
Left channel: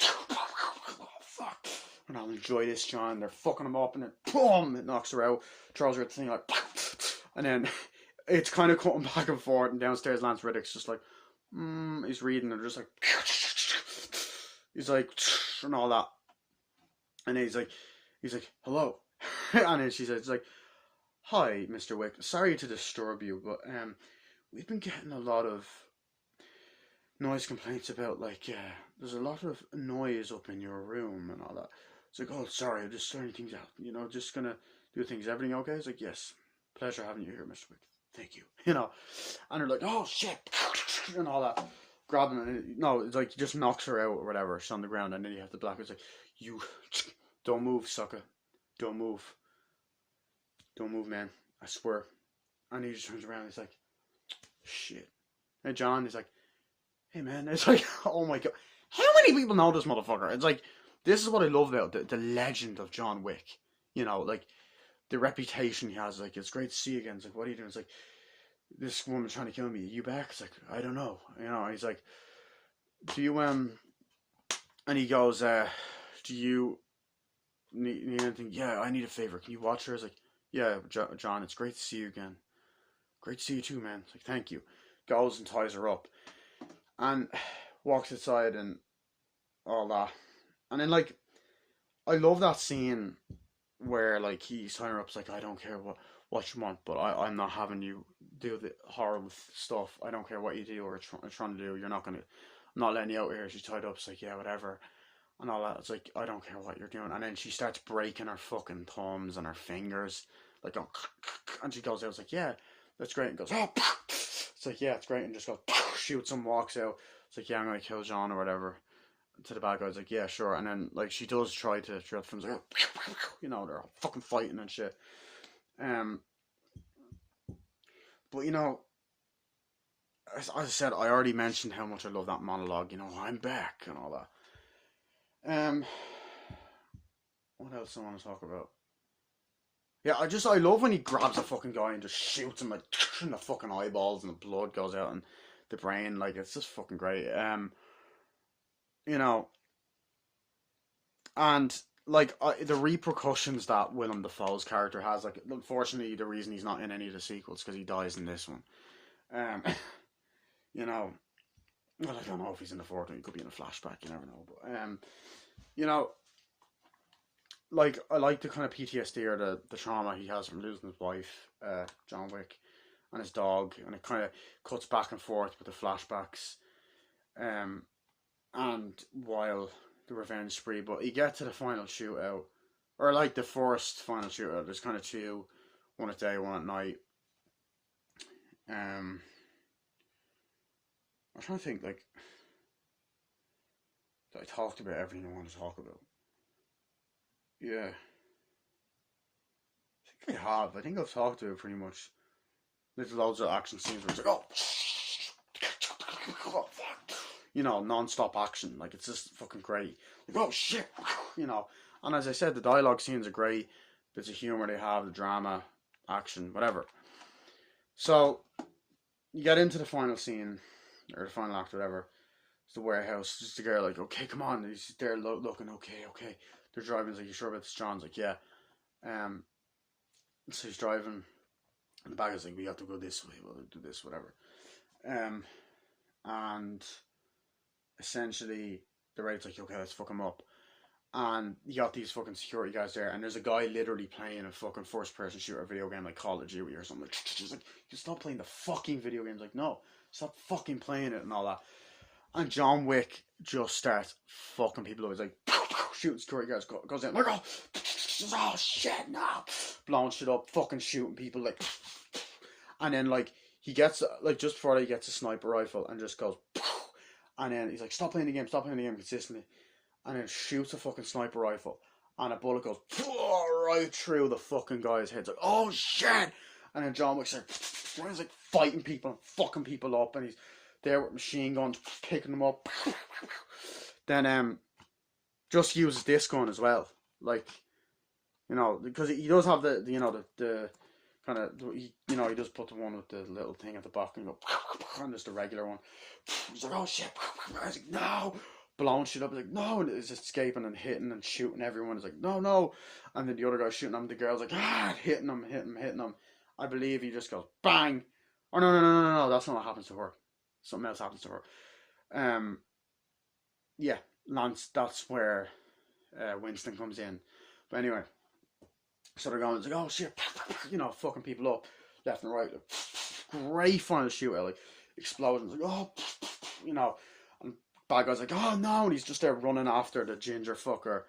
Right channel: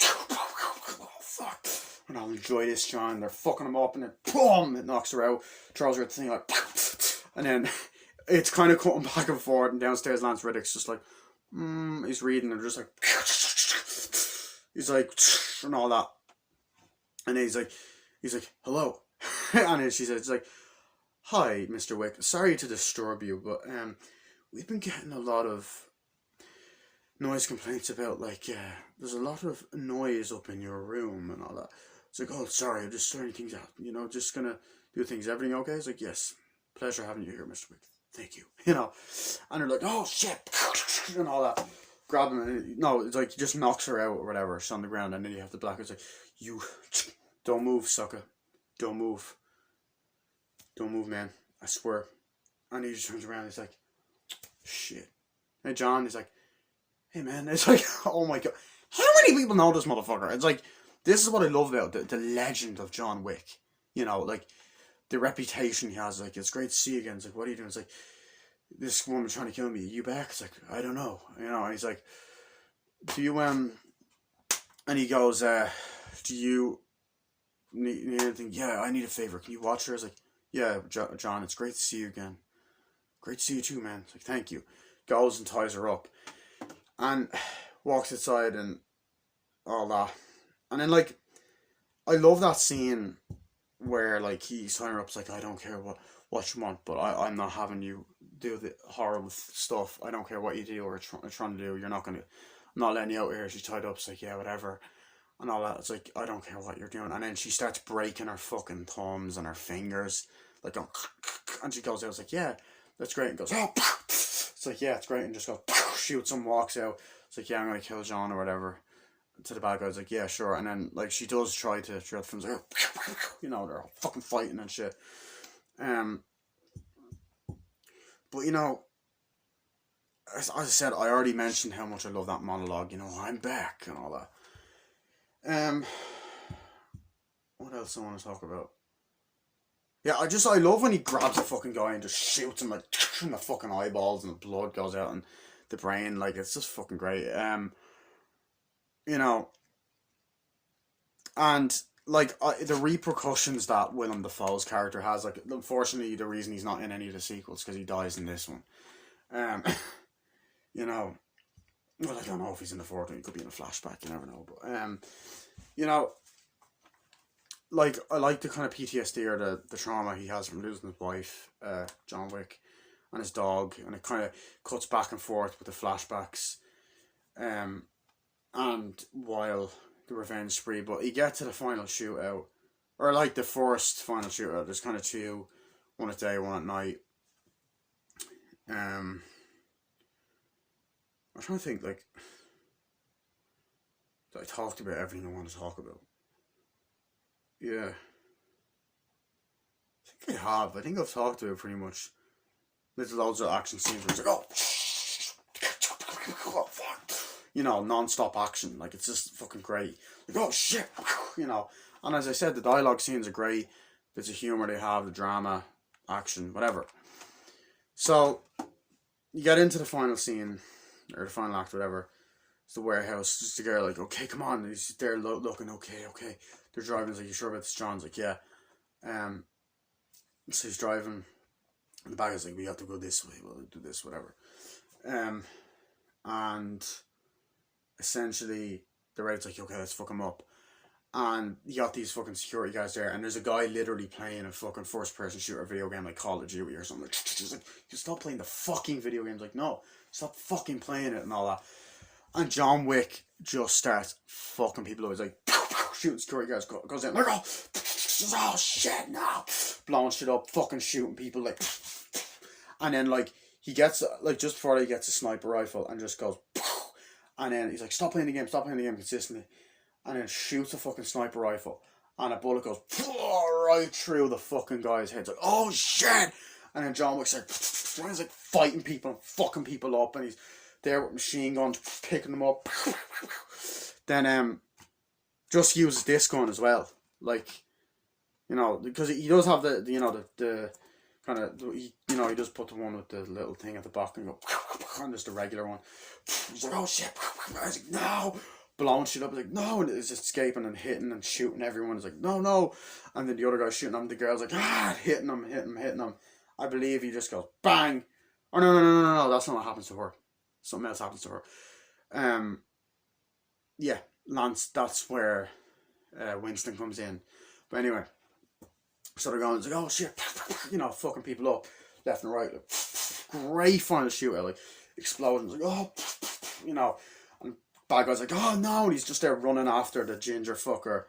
oh fuck, and I'll enjoy this, John. They're fucking him up, and then boom, it knocks her out, throws her at the thing, like, and then it's kind of cutting back and forth. And downstairs, Lance Reddick's just like, he's reading, and just like, he's like, and all that, and he's like, hello. And then she says, it's like, hi, Mr. Wick, sorry to disturb you, but we've been getting a lot of noise complaints about, like, there's a lot of noise up in your room and all that. It's like, oh, sorry, I'm just sorting things out, you know, just gonna do things. Everything okay? It's like, yes, pleasure having you here, Mr. Wick, thank you, you know. And they're like, oh shit, and all that, grab him, and no, it's like, he just knocks her out or whatever, she's on the ground, and then you have the black, it's like, you don't move, sucker. Don't move. Don't move, man. I swear. And he just turns around and he's like, shit. Hey, John. He's like, hey, man. It's like, oh my god. How many people know this motherfucker? It's like, this is what I love about the legend of John Wick. You know, like, the reputation he has. Like, it's great to see you again. It's like, what are you doing? It's like, this woman's trying to kill me. Are you back? It's like, I don't know. You know, and he's like, do you, and he goes, do you need anything? Yeah, I need a favor. Can you watch her? I was like, yeah, John, it's great to see you again. Great to see you too, man. It's like, thank you. Goes and ties her up. And walks outside and all that. And then, like, I love that scene where, like, he's tying her up. It's like, I don't care what you want, but I'm not having you do the horrible stuff. I don't care what you do or trying to do. You're not gonna, I'm not letting you out here. She's tied up. It's like, yeah, whatever. And all that. It's like, I don't care what you're doing. And then she starts breaking her fucking thumbs and her fingers, like, going, and she goes out. It's like, yeah, that's great. And goes, oh, it's like, yeah, it's great. And just goes, shoots and walks out. It's like, yeah, I'm gonna kill John or whatever. To the bad guy, it's like, yeah, sure. And then, like, she does try to throughout the films, like, you know, they're all fucking fighting and shit. But you know, as I said, I already mentioned how much I love that monologue. You know, I'm back and all that. What else I want to talk about? Yeah, I love when he grabs a fucking guy and just shoots him, like, in the fucking eyeballs, and the blood goes out and the brain, like, it's just fucking great. You know, and, like, the repercussions that Willem Dafoe's character has, like, unfortunately, the reason he's not in any of the sequels, because he dies in this one. You know, well, I don't know if he's in the fourth one, he could be in a flashback, you never know, but, you know, like, I like the kind of PTSD or the trauma he has from losing his wife, John Wick, and his dog, and it kind of cuts back and forth with the flashbacks, and while the revenge spree, but you get to the final shootout, or like the first final shootout, there's kind of two, one at day, one at night. I'm trying to think, like, that I talked about everything I want to talk about. Yeah. I think I have. I think I've talked about it pretty much. There's loads of action scenes where it's like, oh, fuck. you know, non-stop action. Like, it's just fucking great. Like, oh shit, you know. And as I said, the dialogue scenes are great. Bits of humor they have, the drama, action, whatever. So you get into the final scene, or the final act, whatever. It's the warehouse. Just the girl like, okay, come on. And he's there looking, okay. They're driving. He's like, you sure about this, John's like, yeah. So he's driving. And the bag is like, we have to go this way. We'll do this, whatever. And essentially, the raid's like, okay, let's fuck him up. And you got these fucking security guys there, and there's a guy literally playing a fucking first-person shooter video game like Call of Duty or something. Like, just like, you stop playing the fucking video games. Like, no, stop fucking playing it and all that. And John Wick just starts fucking people up. He's like, shooting security guys, goes in, like, oh shit, no, blowing shit up, fucking shooting people, like, and then like he gets like just before he gets a sniper rifle and just goes, and then he's like, stop playing the game consistently. And then shoots a fucking sniper rifle, and a bullet goes right through the fucking guy's head. It's like, oh shit! And then John Wick's like, when he's like fighting people and fucking people up, and he's there with machine guns, picking them up. Then just uses this gun as well, like, you know, because he does have the you know the kind of, you know, he does put the one with the little thing at the back and go, and just the regular one. He's like, oh shit! I was like, no. Blowing shit up, he's like, no, and it's escaping and hitting and shooting everyone. He's like, no, and then the other guy's shooting him. The girl's like, hitting him. I believe he just goes bang. Oh no, that's not what happens to her. Something else happens to her. Yeah, Lance. That's where Winston comes in. But anyway, so they're going. It's like, oh shit, you know, fucking people up left and right. Like, great final shootout, like explosions. Like, oh, you know. Bad guy's like, oh no, and he's just there running after the ginger fucker,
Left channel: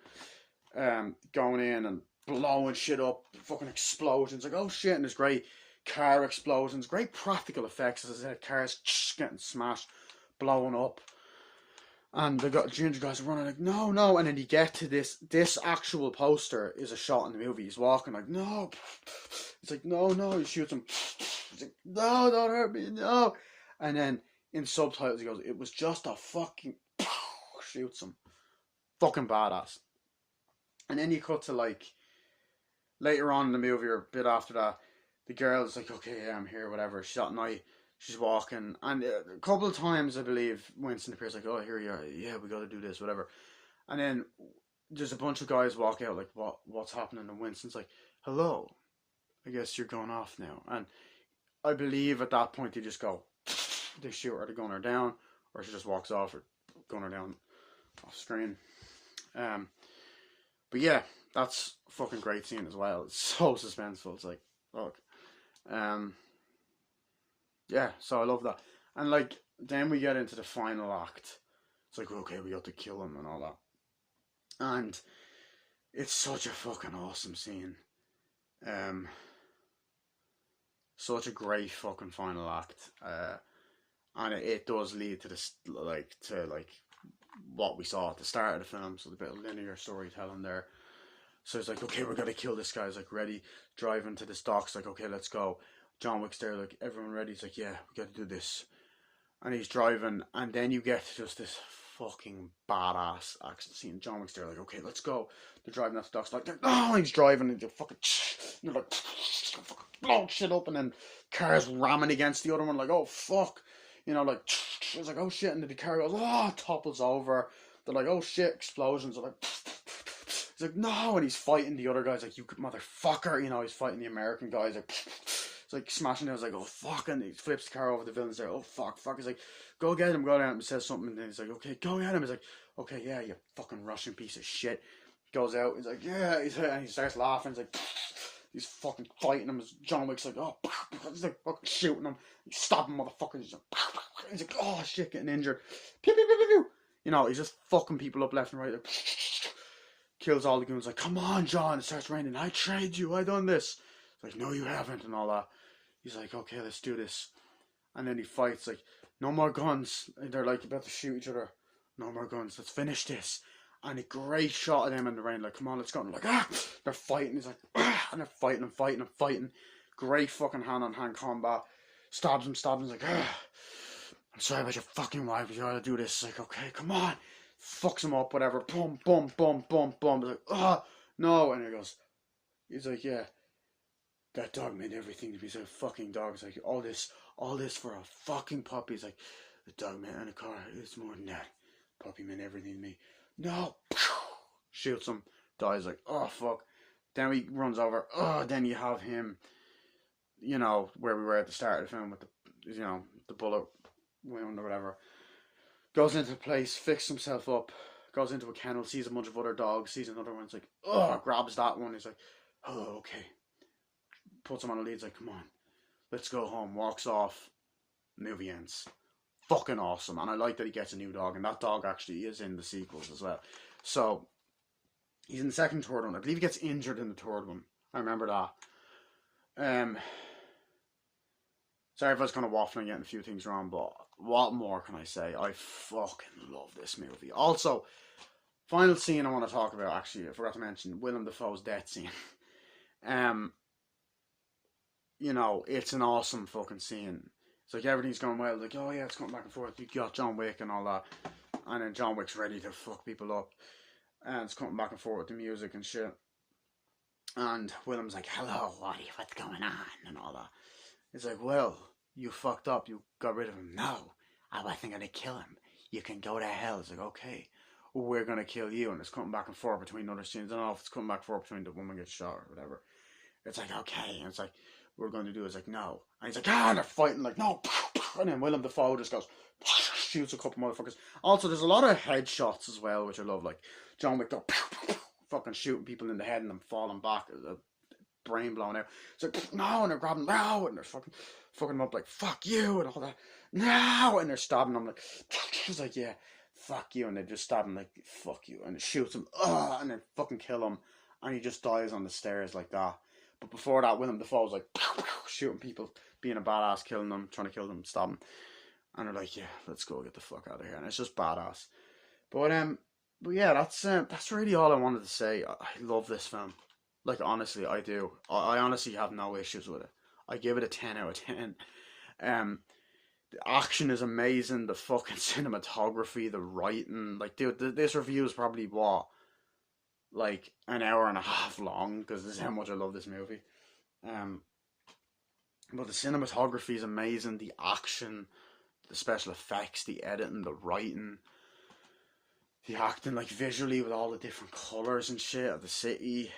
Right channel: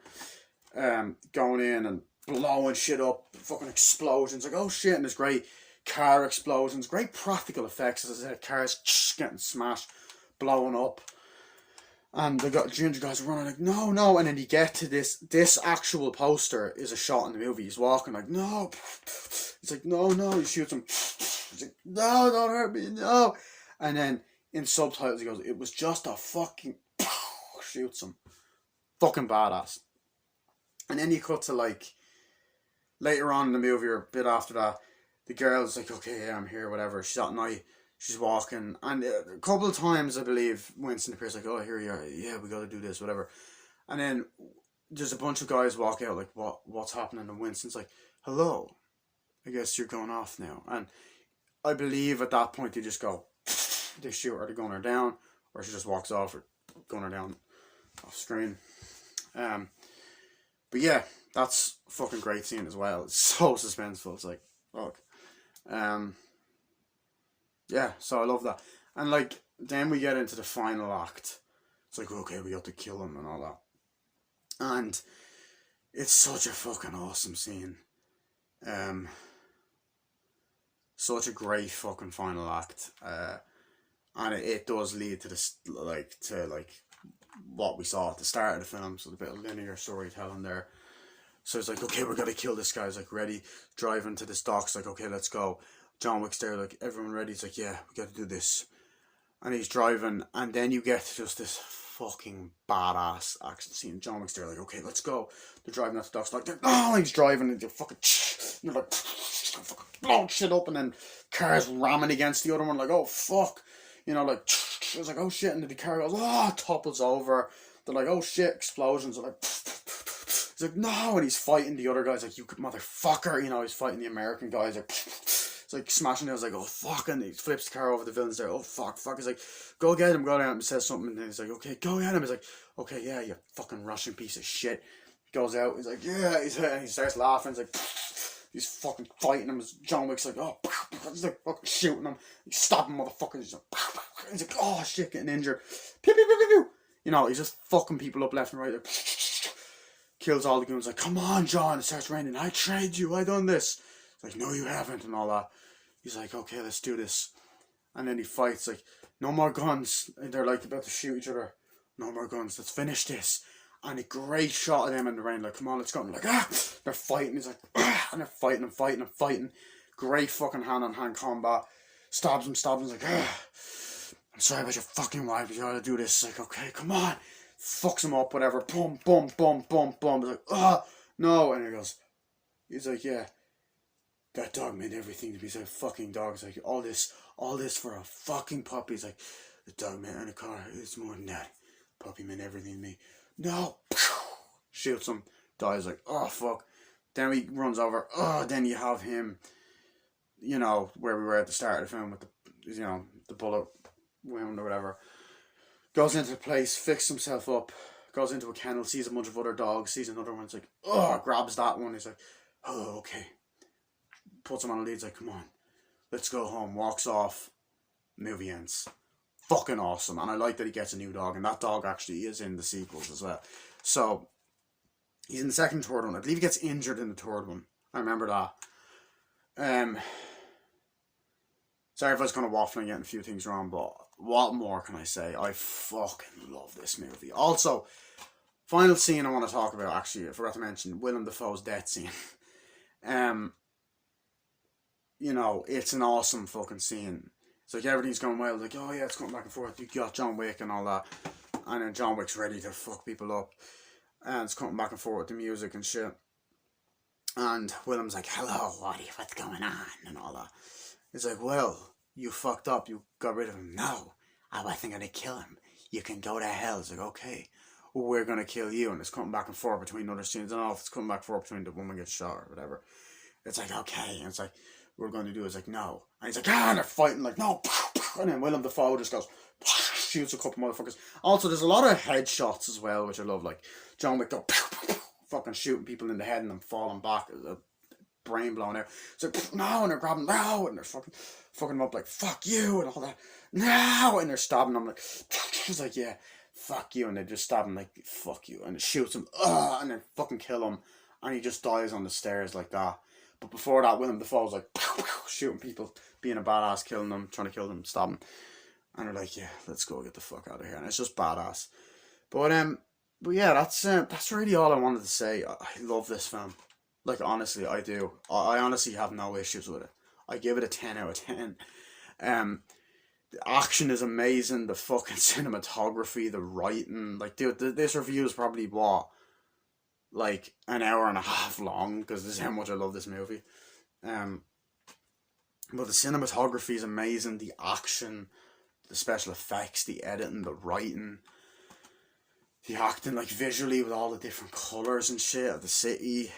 going in and blowing shit up, fucking explosions, like, oh shit, and there's great car explosions, great practical effects, as I said, cars getting smashed, blowing up, and the ginger guys are running like, no, and then you get to this actual poster is a shot in the movie, he's walking like, no, it's like, no, he shoots him, he's like, no, don't hurt me, no, and then in subtitles he goes, it was just a fucking shoots him. Fucking badass. And then you cut to like later on in the movie or a bit after that, the girl's like, okay, yeah, I'm here, whatever. She's at night, she's walking, and a couple of times I believe Winston appears like, oh, here you are, yeah, we gotta do this, whatever. And then there's a bunch of guys walk out like, what's happening? And Winston's like, hello, I guess you're going off now. And I believe at that point they just go, they shoot her to gun her down, or she just walks off or gun her down off screen. But yeah, that's a fucking great scene as well. It's so suspenseful. It's like, fuck. Yeah, so I love that. And like, then we get into the final act. It's like, okay, we got to kill him and all that. And it's such a fucking awesome scene. Such a great fucking final act. And it does lead to this, like what we saw at the start of the film, so the bit of linear storytelling there. So it's like, okay, we gotta kill this guy. He's like, ready, driving to this dock. It's like, okay, let's go. John Wick's there, like, everyone ready. It's like, yeah, we gotta do this. And he's driving, and then you get just this fucking badass action scene. John Wick's there, like, okay, let's go. They're driving at the docks, like, oh, he's driving, and you're like, fucking blowing shit up, and then cars ramming against the other one, like, oh, fuck. You know, like, it's like, oh shit, and then the car goes, oh, topples over. They're like, oh shit, explosions. They're like, it's like, no, and he's fighting the other guys, like, you motherfucker, you know, he's fighting the American guys, like, it's like smashing it. I was like, oh fuck, and he flips the car over, the villain's there, oh fuck. He's like, go get him, and he says something, and then he's like, okay, go get him. He's like, okay, yeah, you fucking Russian piece of shit. He goes out, he's like, yeah, and he starts laughing, he's like, he's fucking fighting him. John Wick's like, oh, he's like fucking shooting him, he's stabbing motherfuckers, he's like, oh shit, getting injured, pew, pew, pew, pew, pew. You know, he's just fucking people up left and right, like, kills all the goons, like, come on, John, it starts raining, I trained you, I done this. It's like, no, you haven't, and all that. He's like, okay, let's do this. And then he fights, like, no more guns. And they're like about to shoot each other. No more guns, let's finish this. And a great shot of them in the rain, like, come on, let's go. And they're like, they're fighting. He's like, and they're fighting. Great fucking hand-on-hand combat. Stabs him. He's like, I'm sorry about your fucking wife, you gotta do this. It's like, okay, come on. Fucks him up, whatever. Boom, boom, boom, boom, boom. He's like, oh, no. And he's like, yeah, that dog meant everything to me. He's like, fucking dog. He's like, all this for a fucking puppy. He's like, the dog meant in a car. It's more than that. Puppy meant everything to me. No. Shoots him. Dies. Like, oh, fuck. Then he runs over. Oh, then you have him, you know, where we were at the start of the film with the, you know, the bullet wound or whatever. Goes into the place, fixes himself up, goes into a kennel, sees a bunch of other dogs, sees another one, it's like, oh, grabs that one, he's like, oh, okay. Puts him on a lead, he's like, come on, let's go home, walks off, movie ends. Fucking awesome. And I like that he gets a new dog, and that dog actually is in the sequels as well. So, he's in the second and third one. I believe he gets injured in the third one. I remember that. Sorry if I was kind of waffling and getting a few things wrong, but what more can I say? I fucking love this movie. Also, final scene I want to talk about, actually, I forgot to mention, Willem Dafoe's death scene. You know, it's an awesome fucking scene. It's like everything's going well, like, oh yeah, it's going back and forth, you got John Wick and all that, and then John Wick's ready to fuck people up, and it's coming back and forth with the music and shit, and Willem's like, hello, what's going on, and all that. He's like, well, you fucked up, you got rid of him. No, I wasn't gonna kill him. You can go to hell. It's like, okay, we're gonna kill you. And it's coming back and forth between other scenes. I don't know if it's coming back and forth between the woman gets shot or whatever. It's like, okay. And it's like, we're going to do is like, no. And he's like, and they're fighting, like, no. And then Willem Dafoe just goes, shoots a couple motherfuckers. Also, there's a lot of headshots as well, which I love. Like, John Wick go, fucking shooting people in the head and them falling back. Brain blown out. It's like, no, and they're grabbing, no, and they're fucking them up like, fuck you, and all that. No, and they're stabbing them like, he's like, yeah, fuck you, and they just stab him like, fuck you, and it shoots him, and they fucking kill him, and he just dies on the stairs like that. But before that, Willem Dafoe's like, shooting people, being a badass, killing them, trying to kill them, stab them, and they're like, yeah, let's go get the fuck out of here, and it's just badass. But yeah, that's really all I wanted to say. I love this film. Like, honestly, I do. I honestly have no issues with it. I give it a 10 out of 10. The action is amazing. The fucking cinematography, the writing. Like, dude, this review is probably, what, like, an hour and a half long, because this is how much I love this movie. But the cinematography is amazing. The action, the special effects, the editing, the writing, the acting, like, visually with all the different colours and shit of the city.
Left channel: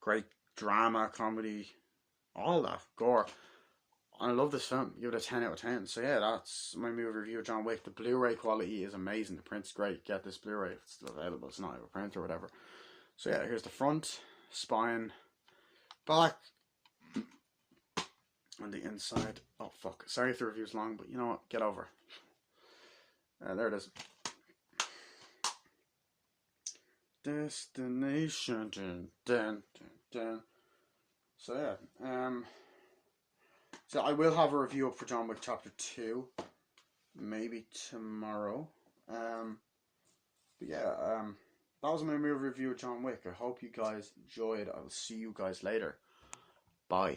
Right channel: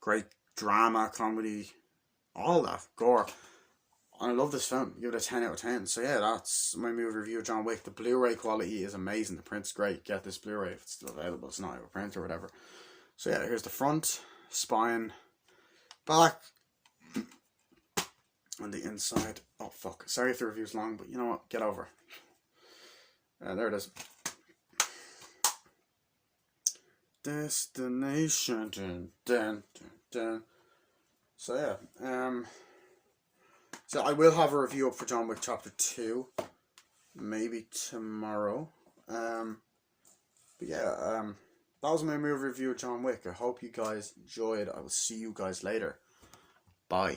Great drama, comedy, all that, gore. I love this film. Give it a 10 out of 10. So yeah, that's my movie review of John Wick. The Blu-ray quality is amazing. The print's great. Get this Blu-ray if it's still available. It's not out of print or whatever. So yeah, here's the front, spine, back, and the inside. Oh fuck. Sorry if the review's long, but you know what? Get over. There it is. Destination. Dun, dun, dun, dun. So yeah, so I will have a review up for John Wick Chapter 2, maybe tomorrow. But yeah, that was my movie review of John Wick. I hope you guys enjoyed. I will see you guys later. Bye.